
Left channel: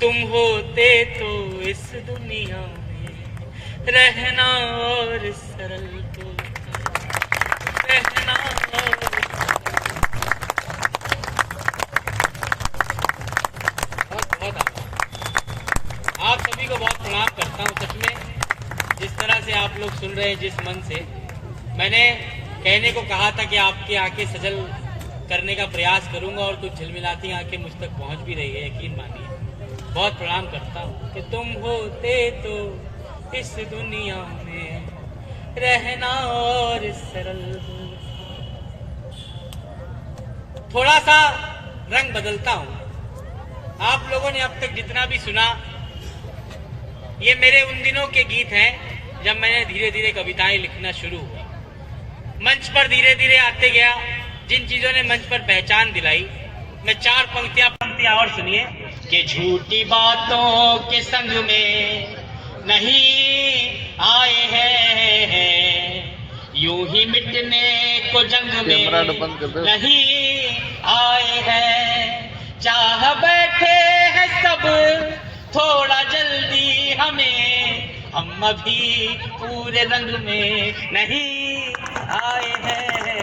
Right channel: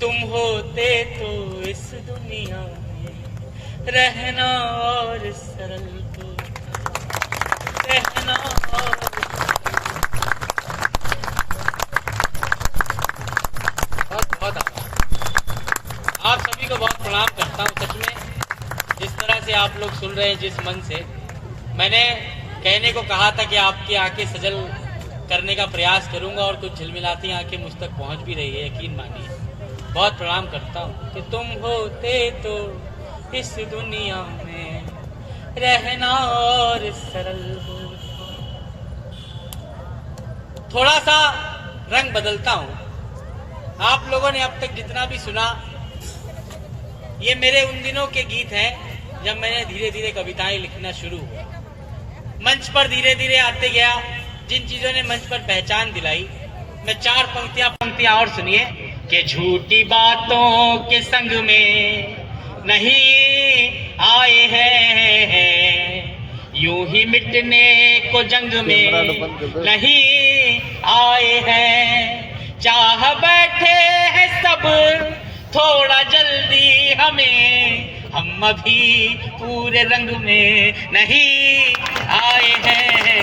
तुम होते तो इस दुनिया में रहना और सरल होता, रहना और बहुत आप सभी को बहुत प्रणाम करता हूँ। सच में जिस तरह से आप लोग सुन रहे हैं, जिस मन से मैंने कहने को कहा था कि आपकी आंखें सजल करने का प्रयास करूंगा, और कुछ झिलमिलाती आंखें मुझ तक पहुंच भी रही है, यकीन मानिए। बहुत प्रणाम करता हूँ कि तुम होते तो इस दुनिया में रहना और सरल होता। थोड़ा सा रंग बदलता हूँ। आप लोगों ने अब तक जितना भी सुना, ये मेरे उन दिनों के गीत हैं जब मैंने धीरे धीरे कविताएं लिखना शुरू हुआ। मंच पर धीरे धीरे आते गया, जिन चीजों ने मंच पर पहचान दिलाई। मैं 4 पंक्तियां और सुनिए कि झूठी बातों के संग में नहीं आए हैं, यूं ही मिटने को जंग में नहीं आए हैं, चाह बैठे हैं सब थोड़ा जल्दी हमें, हम अभी पूरे रंग में नहीं आए हैं,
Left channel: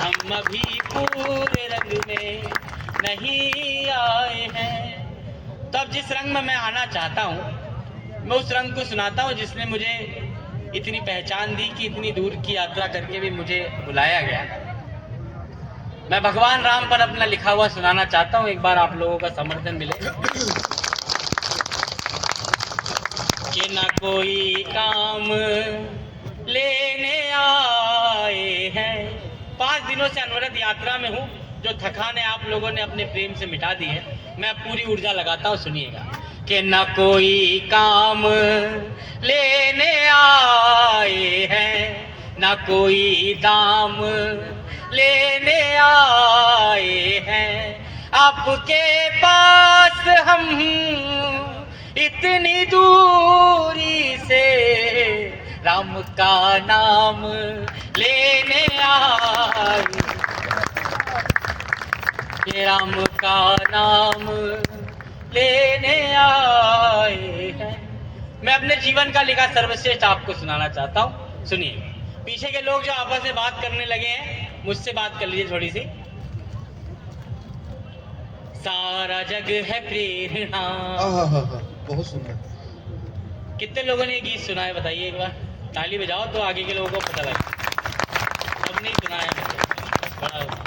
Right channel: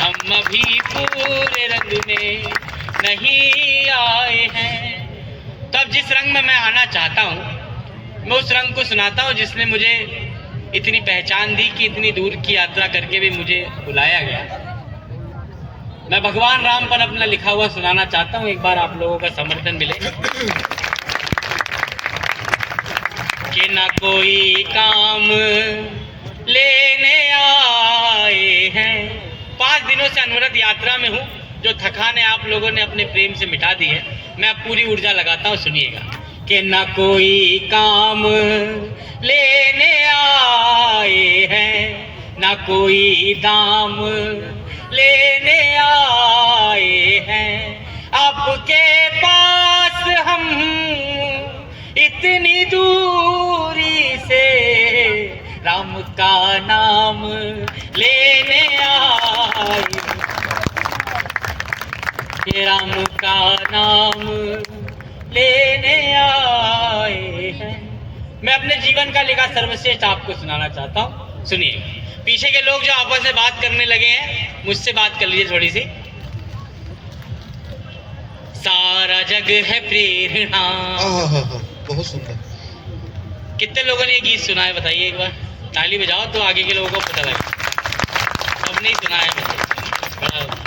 हम अभी पूरे रंग में नहीं आए हैं। तो अब जिस रंग में मैं आना चाहता हूँ, मैं उस रंग को सुनाता हूँ जिसने मुझे इतनी पहचान दी कि इतनी दूर की यात्रा करके भी मुझे बुलाया गया। मैं भगवान राम पर अपना लिखा हुआ सुनाना चाहता हूँ, एक बार आप लोगों का समर्थन मिले। कि ना कोई काम लेने आए हैं। 5 दिनों से अनवरत यात्रा में हूँ, जो थकान है आप लोगों ने अपने प्रेम से मिटा दी है। मैं अब पूरी ऊर्जा लगाता हूँ, सुनिएगा। कि ना कोई काम लेने आए हैं, ना कोई दाम लेने आए हैं, आपके पास हम इतनी दूरी से राम का नाम लेने आए, ये राम का नाम लेने आए हैं। मैं अपने जीवन का लिखा सर्वश्रेष्ठ आपको सुनाना चाहता हूँ, सुनिए। पीछे के लोग जो आपस में बात करने लगे हैं, मुझसे बात कर लीजिए थोड़ी सी। सारा जग है प्रेरणा। बहुत सुंदर। कितने लोगों ने ये गीत सुना है बताइए एक बार, ताली बजाओ तो आगे के लोगों को पता लगे। सबने ही सुना है बड़ा।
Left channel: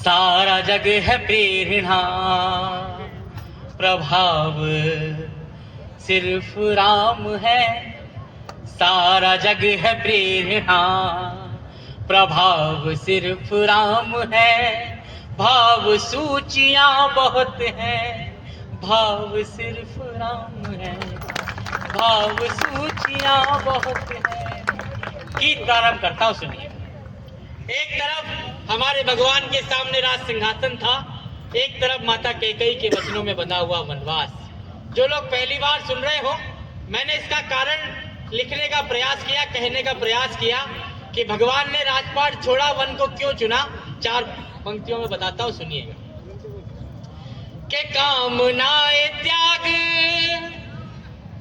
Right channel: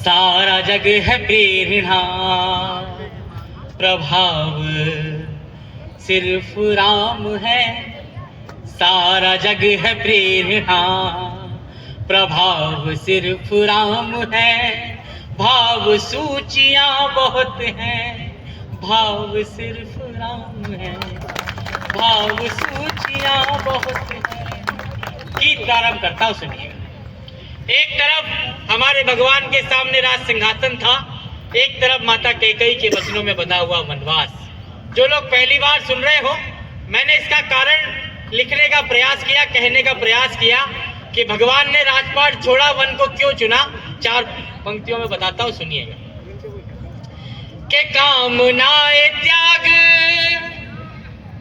सारा जग है प्रेरणा, प्रभाव सिर्फ राम है। सारा जग है प्रेरणा, प्रभाव सिर्फ राम है। भाव सूचियां बहुत हैं, भाव सिर्फ राम है, भाव सूचियां बहुत है। गीत प्रारंभ करता हूं, सुनिए। एक तरफ हमारे भगवान के सामने राज सिंहासन था, एक तरफ माता कैकेयी के वचनों में बंधा हुआ वनवास। जो लोग पहली बार सुन रहे हो, मैंने इसका कारण लिखने का प्रयास किया, कहने का प्रयास किया कि भगवान ने राजपाट छोड़ा, वन को क्यों चुना। 4 पंक्तियों में बताता हूं, सुनिएगा। के कामनाए त्याग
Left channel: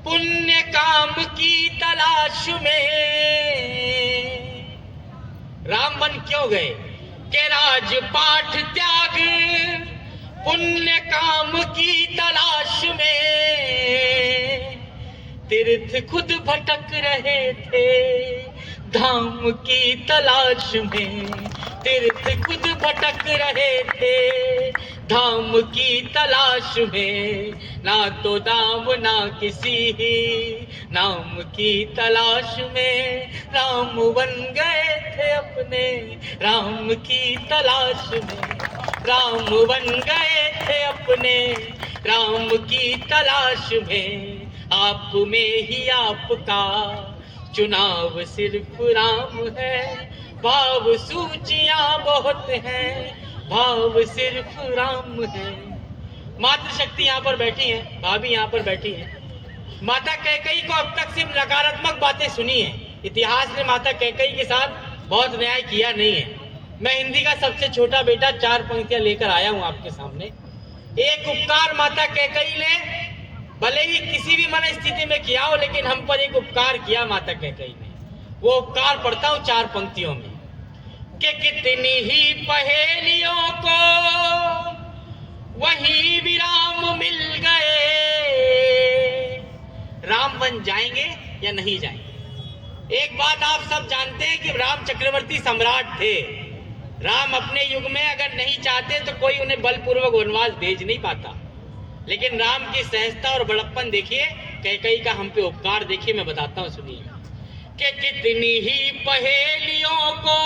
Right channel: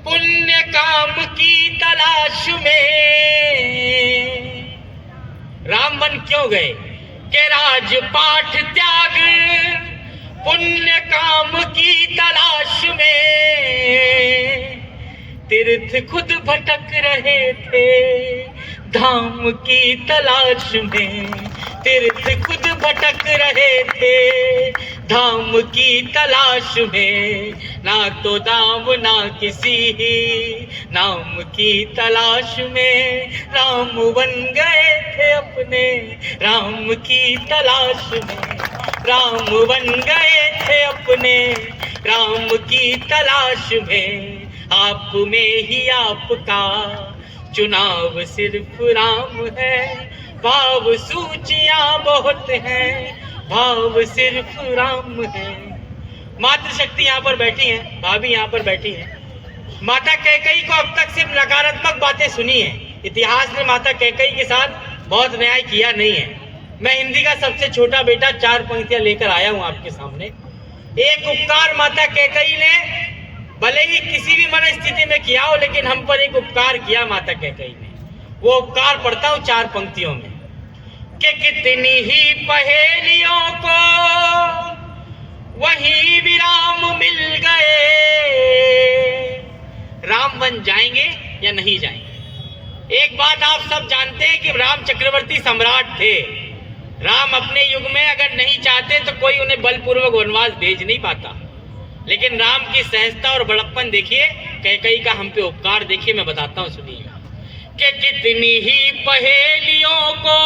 पुण्य काम की तलाश में, राम वन क्यों गए? के राजपाट त्याग पुण्य काम की तलाश में, तीर्थ खुद भटक रहे थे धाम की तलाश में, तीर्थ खुद भटक रहे थे धाम की तलाश में, ना तो दाम ना किसी नाम की तलाश में, राम बन गए थे अपने राम की तलाश में, राम बन गए थे अपने राम की तलाश में, आप में ही आपका चुनाव सिर्फ राम है, भाव सूचियां बहुत हैं, भाव सिर्फ राम है। मातृ शक्ति यहाँ पर बैठी है, भाभी यहाँ पर बैठी है। माता कैकेयी को अब तक सिर्फ नकारात्मक बातें सुनी है, इतिहास ने माता कैकेयी के साथ बहुत न्याय किया नहीं है। मैं हिंदी का सबसे छोटा बेटा 4 पंक्तियां लेकर आया हूँ आपके सामने। एक उपकार माता कैकेयी ने भले ही किसी भी मन स्थिति में किया हो, लेकिन हम पर एक उपकार किया माता कैकेयी ने। वो उपकार पढ़ता हूँ 4 पंक्तियों में। कि कितनी ही पहेलियों को वहीं विराम मिल गए, राम बन जाएंगे या नहीं जाएंगे। एक बात आप सब जानते हैं कि राम चक्रवर्ती सम्राट थे। राम अपने युग में अगर नहीं चाहते तो कोई उन्हें बलपूर्वक वनवास भेज नहीं पाता, लेकिन राम की सहजता और बड़प्पन देखिए, कैकेयी का हम पे उपकार देखिए। मैं बताता हूँ, सुनिएगा। कि कितनी ही पहेलियों को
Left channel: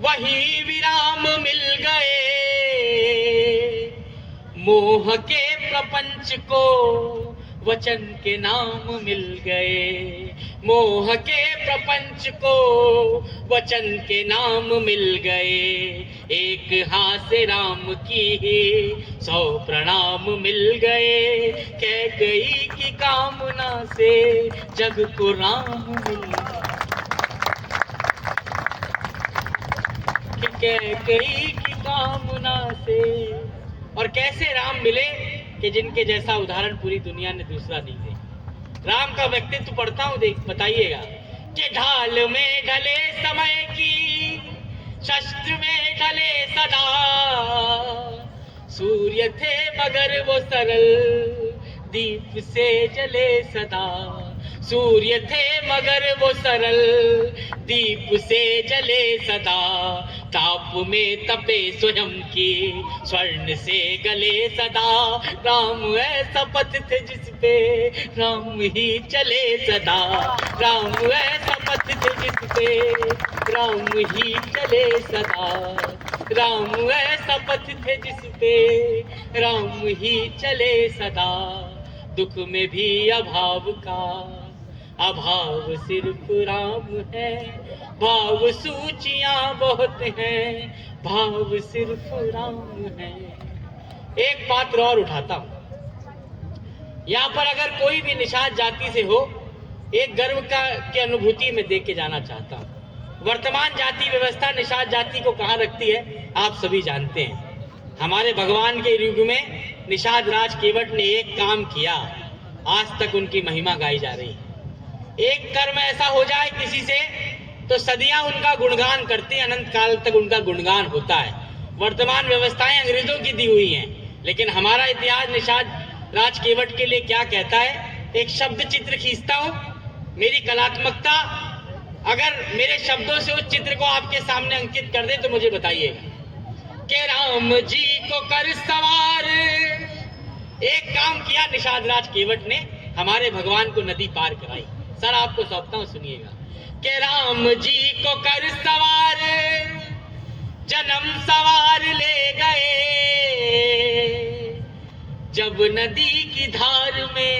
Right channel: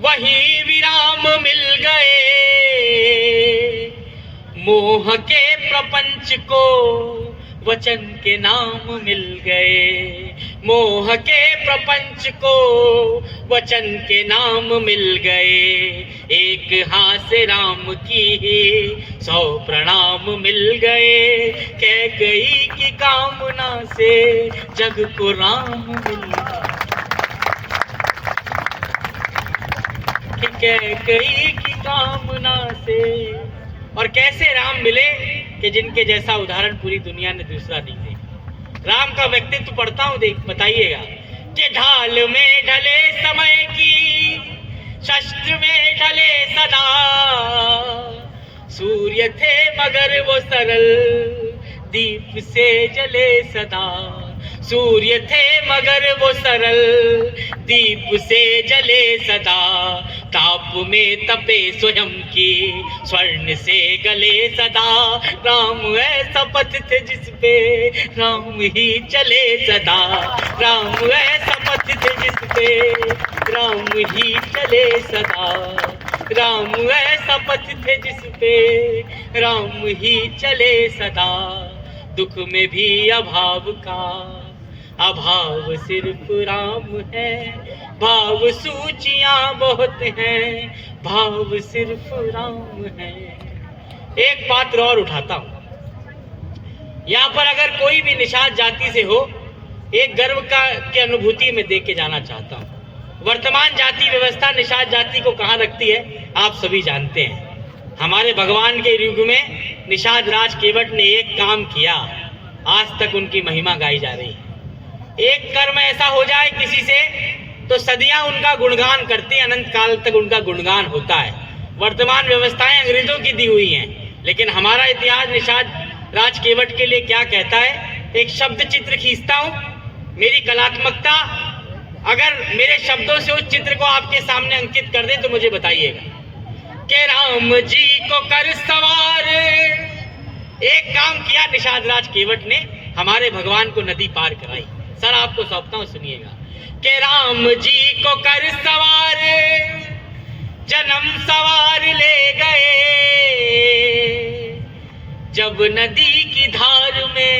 वही विराम मिल गए, मोह के प्रपंच को वचन के नाम मिल गए, मोह के प्रपंच को वचन के नाम मिल गए, एक हाथ से राम की 100 प्रणाम मिल गए, कैकेयी की कामना से जग को राम मिल गए, कैकेयी की कामना से। और कैसे राम मिले कि जिनके जैसा उदाहरण पूरी दुनिया ने दूसरा नहीं देखा। राम का व्यक्तित्व पढ़ता हूं, देख बताइएगा। कि ढाल में ढले समय की, शस्त्र में ढले सदा, सूर्य थे मगर वो सरल, दीप से जले सदा, सूर्य थे मगर वो सरल, दीप से जले सदा, ताप में तपे स्वयं की, स्वर्ण से गले सदा, राम ऐसा पथ थे जिसपे राम ही चले सदा, राम ऐसा पथ थे जिसपे राम ही चले सदा, राम ऐसा पथ थे जिसपे राम ही चले सदा, दुख में भी अभाव का अभाव सिर्फ राम है, भाव सूचियां बहुत हैं, भाव सिर्फ राम है। एक पात्र और उठाता हूं। यहाँ पर अगर कोई भी निषाद जाति से हो, एक गर्व की अनुभूति में दे के जाना चाहता हूं। वर्तमान जाति व्यवस्था निषाद जाति को कहाँ रखती है आप सभी जानते हैं। हमारे भगवान के युग में निषाद राज केवट ने एक काम किया, आज तक उनकी महिमा गाई जा रही है। एक कर्म ऐसा हो जाए किसी से तो सदियां उनका गुणगान करती हैं, अनंत काल तक उनका गुणगान होता है। वर्तमान व्यवस्थाएं अंग्रेजों की दी हुई हैं, लेकिन हमारा इतिहास निषाद राज केवट के लिए क्या कहता है। एक शब्द चित्र खींचता हूं, मेरी कलात्मकता अगर मेरे शब्दों से उस चित्र को आपके सामने अंकित कर दे तो मुझे बताइएगा। कि राम जी को कर सवार, एक काम किया निषाद राज केवट ने, हमारे भगवान को नदी पार कराई। सर आपको सौंपता हूं, सुनिएगा। कि राम जी को कर सवार, जन्म सवार ले गए, जब नदी की धार में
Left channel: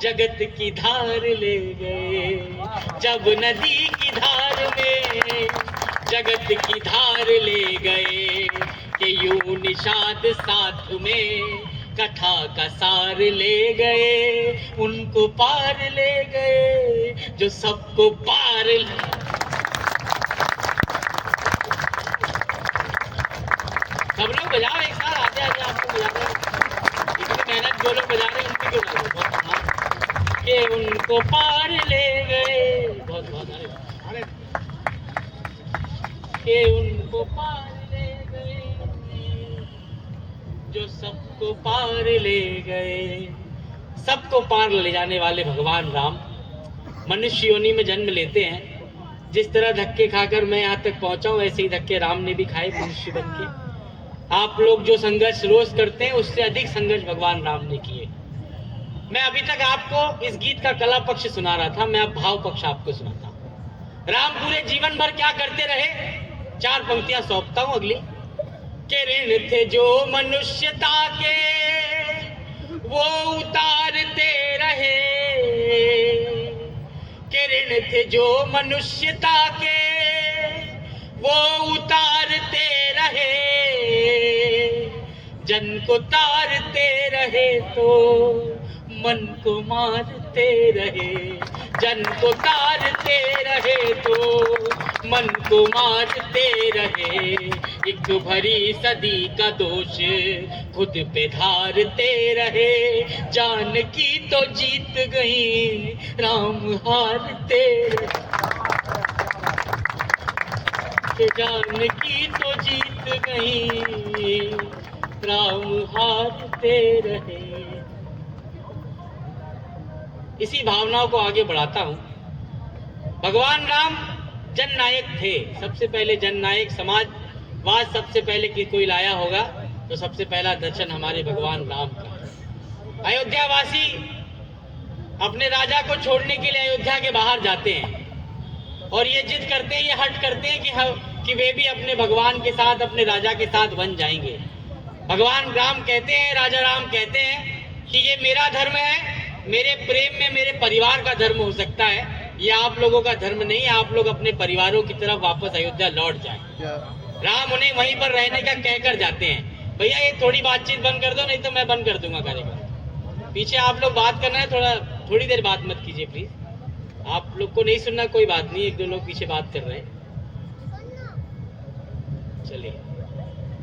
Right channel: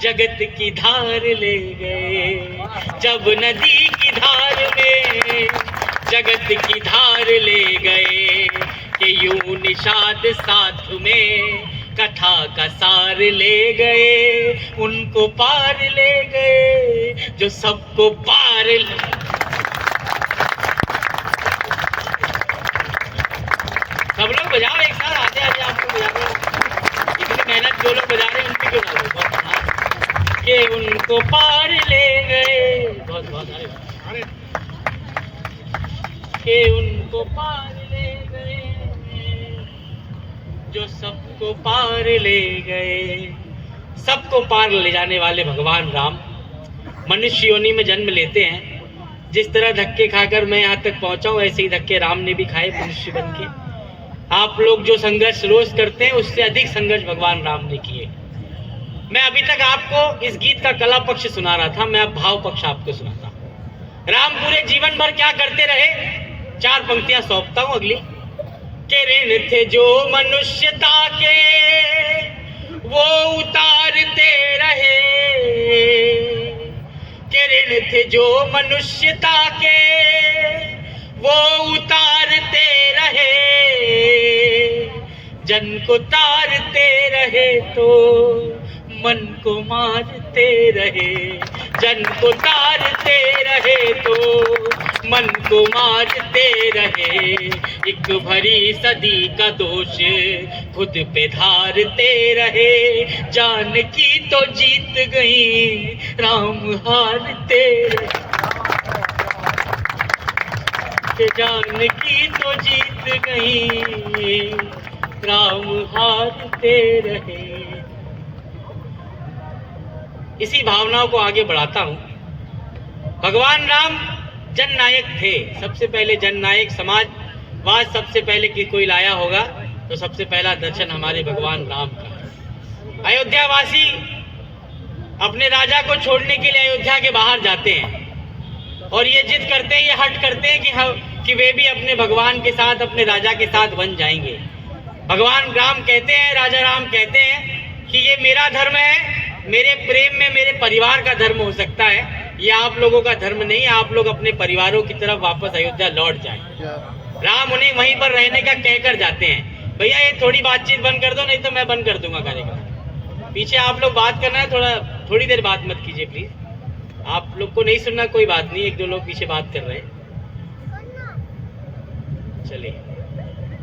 जगत की धार ले गए, जब नदी की धार में जगत की धार ले गए, कि यूं निषाद साथ में कथा का सार ले गए, उनको पार ले गए जो सबको पार सब लोग बजाओ एक साथ, आते आते आपको बजा रहे, इतनी मेहनत जो लोग बजा रहे हैं उनकी क्यों ना कि उनको पार ले गए, बहुत बहुत अरे कि उनको पार ले गए जो सबको पार ले गए। सबको पार ले जाने वाले भगवान राम मनुष्य योनि में जन्म लेते हैं। जिस तरह धक्के खाकर मैं यहाँ तक पहुंचा हूँ, ऐसे ही धक्के राम ने भी खाए मनुष्य बन के। आप लोग जो संघर्ष रोज करते हैं उससे अधिक संघर्ष भगवान राम ने किए। मैं अभी तक आपको इस गीत का कला पक्ष सुना रहा था, मैं अब भाव पक्ष आपको सुनाता हूँ। राम पूरे जीवन भर क्या करते रहे, 4 पंक्तियां सौंपता हूँ अगली। के ऋण थे जो मनुष्यता के वो उतारते रहे, के ऋण थे जो मनुष्यता के वो उतारते रहे, जन को तारते रहे तो मन को मारते रहे, जन को तारते रहे तो मन को मारते रहे। एक भरी सदी का दोष खुद पे धारते रहे, जानकी तो जीत गई राम हारते रहे, जानकी तो जीत गई राम हारते रहे। इसी भावनाओं को आगे बढ़ाता हूं। भगवान राम जननायक थे, सबसे पहले जननायक समाजवाद सबसे पहले कि कोई लाया होगा तो सबसे पहला दर्शन हमारे भगवान राम का। अयोध्यावासी अपने राजा को छोड़ने के लिए अयोध्या के बाहर जाते हैं और ये जिद करते हैं, ये हट करते हैं कि वे भी अपने भगवान के साथ, अपने राजा के साथ बन जाएंगे। भगवान राम कहते हैं, राजा राम कहते हैं कि ये मेरा धर्म है, मेरे प्रेम में मेरे परिवार का धर्म हो सकता है, ये आप लोगों का धर्म नहीं है, आप लोग अपने परिवारों की तरफ वापस अयोध्या लौट जाएं। राम उन्हें वहीं पर रहने का कहकर जाते हैं। भैया ये थोड़ी बातचीत बंद कर दो, नहीं तो मैं बंद कर दूंगा कार्यक्रम। पीछे आप लोग बात करना है, थोड़ी देर बात मत कीजिए प्लीज। आप लोग को नहीं सुनना कोई बात नहीं, 1-2 लोग पीछे बात कर रहे हैं। चलिए,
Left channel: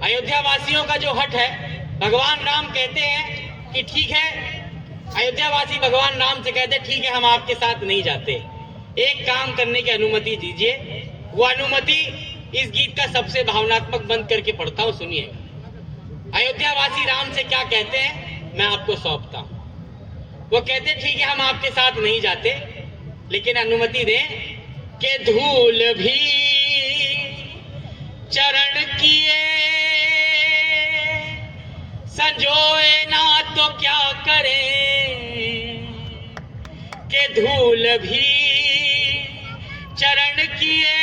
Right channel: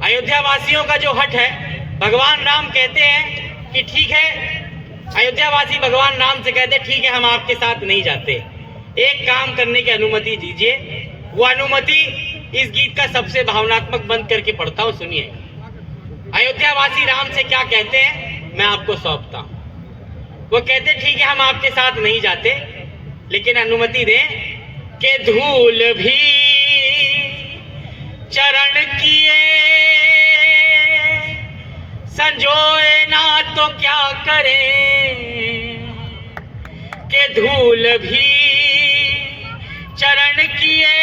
अयोध्या वासियों का जो हट है, भगवान राम कहते हैं कि ठीक है, अयोध्यावासी भगवान राम से कहते ठीक है हम आपके साथ नहीं जाते, एक काम करने की अनुमति दीजिए। वो अनुमति इस गीत का सबसे भावनात्मक बंद करके पढ़ता हूँ, सुनिए। अयोध्यावासी राम से क्या कहते हैं मैं आपको सौंपता हूँ। वो कहते ठीक है हम आपके साथ नहीं जाते, लेकिन अनुमति दें कि धूल भी चरण किए संजोए ना तो क्या करें, के धूल भी चरण किए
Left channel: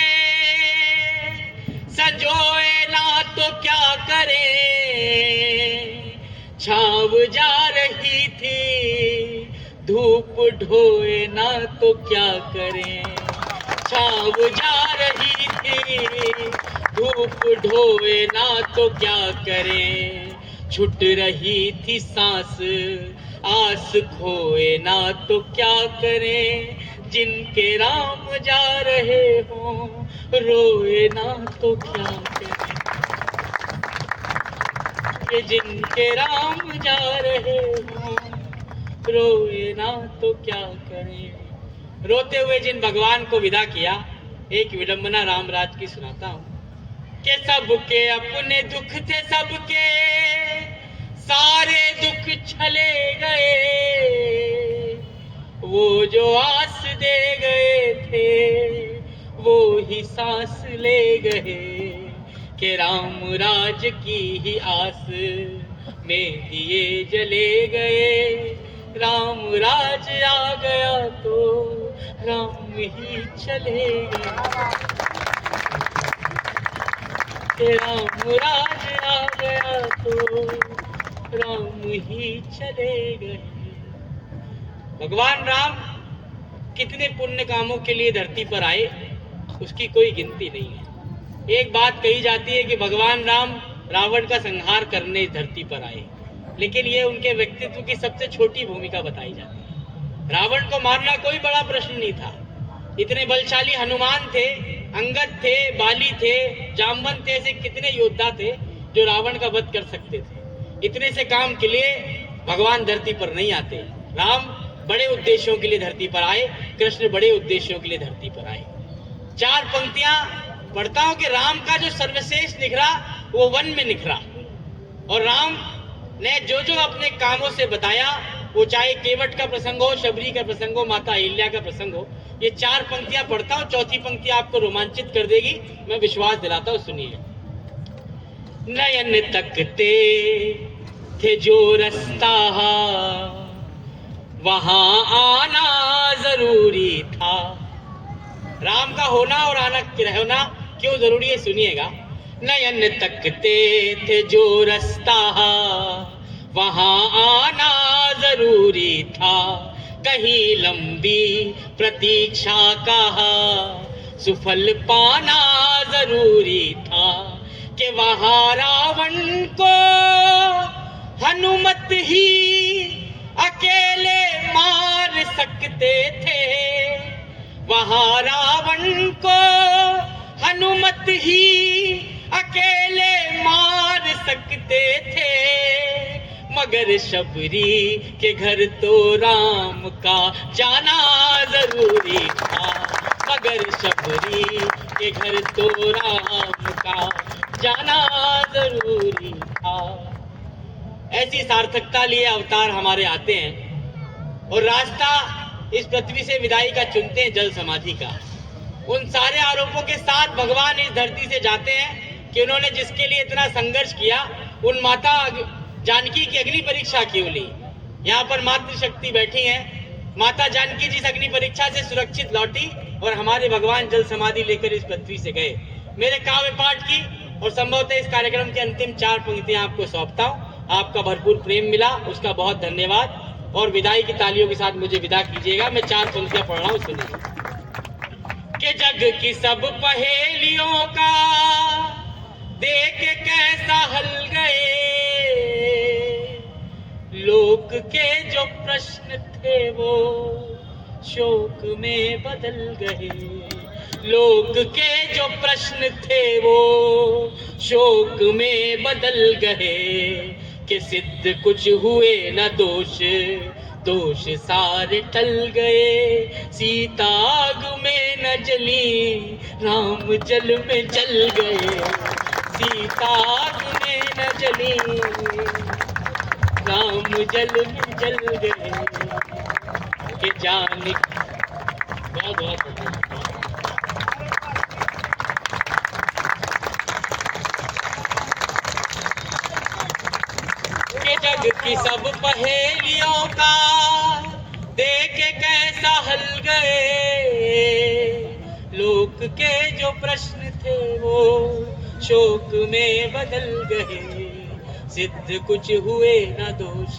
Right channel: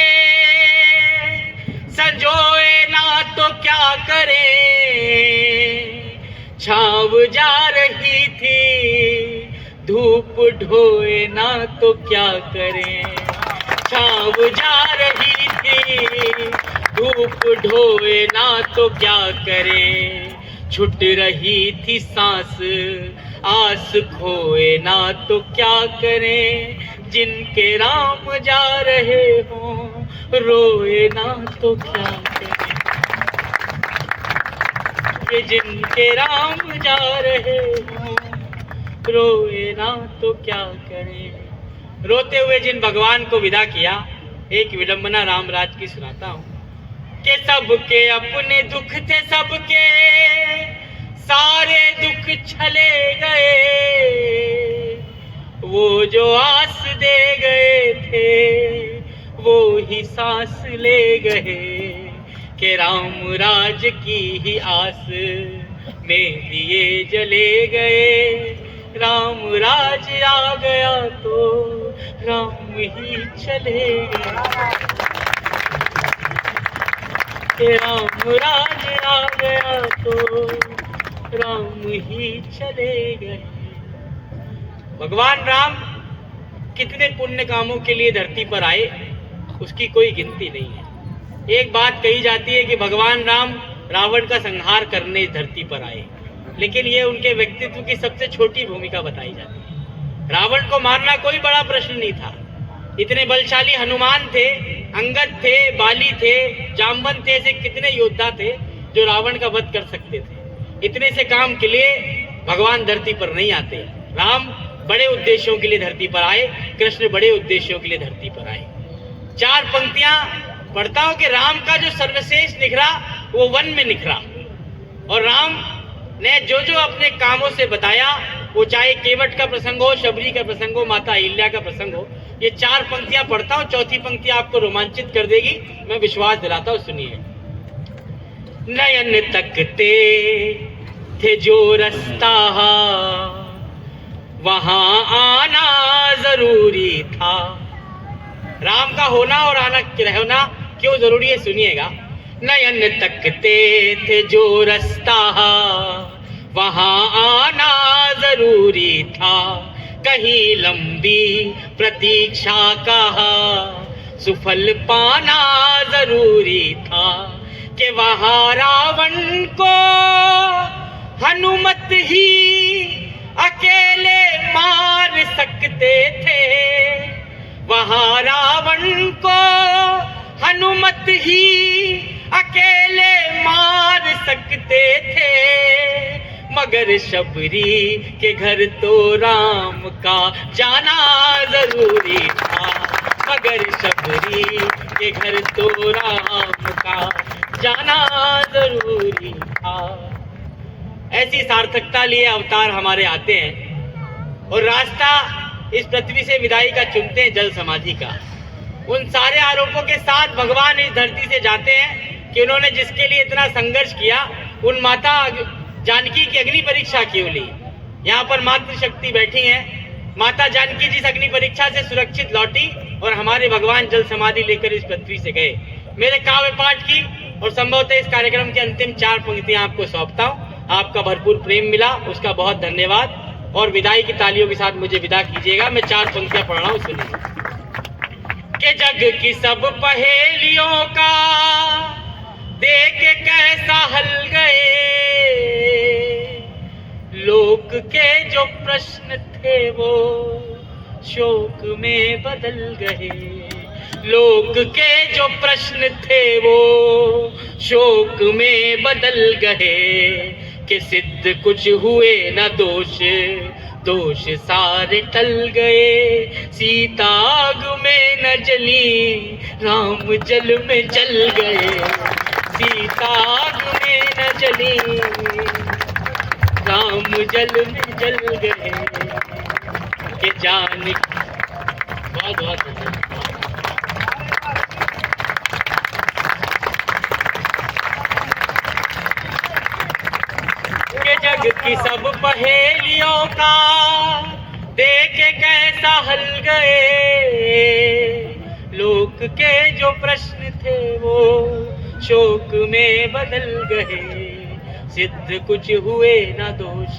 संजोए ना तो क्या करें। छाव जा रही थी धूप ढोए ना तो क्या करें, छाव जा रही थी धूप ढोए ना तो क्या करें। छुट रही थी सांस आस खोए ना तो क्या करें, जिनके राम जा रहे हो रोए ना तो क्या करें, ये जिनके राम जा रहे हो रोए ना तो क्या करें। रोते हुए जिन भगवान को विदा किया, एक विडंबना रामराज की सुनाता हूँ कि सबके अपने दुख थे, सबके सारे दुख छले गए, वो जो आस दे गए थे वो ही सांस ले गए, कि राम राज की ही आस में दिए जले गए। राम राज आ गया तो राम ही चले गए, राम राज आ गया तो राम ही चले गए। भगवान राम कितने पुण्य कामों के लिए धरती पर आए, उसकी कोई गिनती नहीं है। एक बात कही जाती है कि भगवान राम रावण का संहार करने इस धरती पर आए, लेकिन ये उनके व्यक्तित्व की सबसे छोटी भूमिका बताई जाती है। रावण को मारना कोई बड़ा प्रश्न नहीं था। इतने बलशाली हनुमान थे, अंगद थे, बाली थे, जामवंत थे, ऐसे कितने योद्धा थे जो रावण का वध कर सकते थे। इतने से काम के लिए भगवान धरती पर नहीं आते। राम बड़े उद्देश्यों के लिए धरती पर आए, कृष्ण बड़े उद्देश्यों के लिए धरती पर आए। 4 पंक्तियां पढ़ता हूं कि राम का जो सर्वश्रेष्ठ निखरा वो वन में निखरा, और राम ने जो जो अपने कामों से बताया, वो चाहे केवट का प्रसंग हो, शबरी का प्रसंग हो, माता अहिल्या का प्रसंग हो। ये 4 पंक्तियां पढ़ता हूं, चौथी पंक्ति आपको रोमांचित कर देगी, मैं विश्वास दिलाता हूं, सुनिए। नयन तकते थे जो रास्ता वहां आना जरूरी था। राम का होना और आना रहना क्यों जरूरी है, सुनिएगा। नयन तकते थे जो रास्ता वहां आना जरूरी था। कहीं लंबी प्रतीक्षा का सुफल पाना जरूरी था। कि वहां रावण को हनुमत ही अकेले मार सकते थे। वहां रावण को हनुमत ही अकेले मार सकते थे। मगर शबरी के घर तो राम का जाना जरूरी था। मगर शबरी के घर तो राम का जाना जरूरी था। ऐसी सार्थकता लिए अवतार हमारे आते हैं और रास्ता इस पृथ्वी से विदाई का चुनते हैं, जल समाधि का। उन सारे आरोपों के साथ भगवान इस धरती से जाते हैं कि उन्होंने जिसके लिए इतना संघर्ष किया, उन माता जानकी की अग्नि परीक्षा क्यों ली। यहाँ पर मातृशक्ति बैठी हैं। माता जानकी जिस अग्नि परीक्षा से सुरक्षित लौटी और हमारे भगवान जल समाधि लेकर इस पृथ्वी से गए। मेरे काव्य पाठ की और संभवतः इस कार्यक्रम के अंतिम 4 पंक्तियां आपको सौंपता हूँ। आपका भरपूर प्रेम मिला, उसका बहुत धन्यवाद, और विदाई की तालियों के साथ मुझे विदा कीजिएगा। मैं 4 पंक्तियां पढ़ रहा हूँ, सुनिए। कि जग की सब पहेलियों का देख के कैसा हल गए। लोक के जो प्रश्न थे वो शोक में बदल गए। लोक के जो प्रश्न थे वो शोक में बदल गए। कि सिद्ध कुछ हुए न दोष, दोष सारे टल गए। सीता आग में न जली, राम जल में जल गए। सीता आग में न जली, राम जल में जल गए। कि जान बहुत बहुत धन्यवाद। के जग की सब पहेलियों का देख कैसा हल गए। लोक के जो प्रश्न थे वो शोक में बदल गए। सिद्ध कुछ हुए न दोष,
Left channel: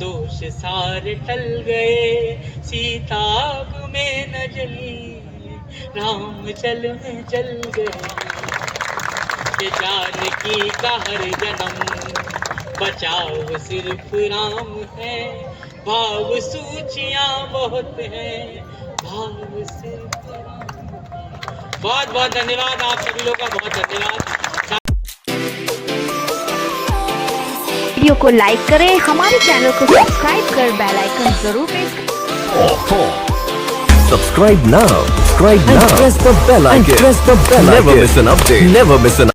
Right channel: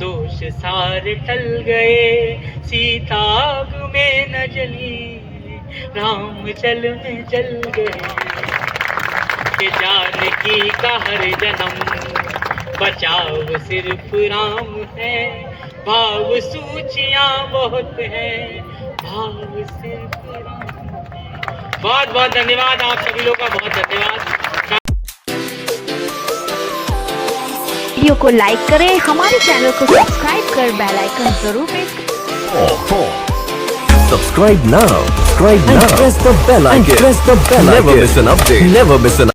दोष सारे टल गए। सीता आग में न जली, राम जल में जल गए। कि जानकी का हर जन्म बचाव सिर्फ राम है। भाव सूचियां बहुत हैं, भाव सिर्फ राम। बहुत बहुत धन्यवाद आप सभी लोगों का, बहुत धन्यवाद। वीडियो को लाइक करें, हमारे चैनल को सब्सक्राइब कर बेल आइकन जरूर प्रेस करें। Subscribe now. Press the bell icon. Never miss an update. Never miss an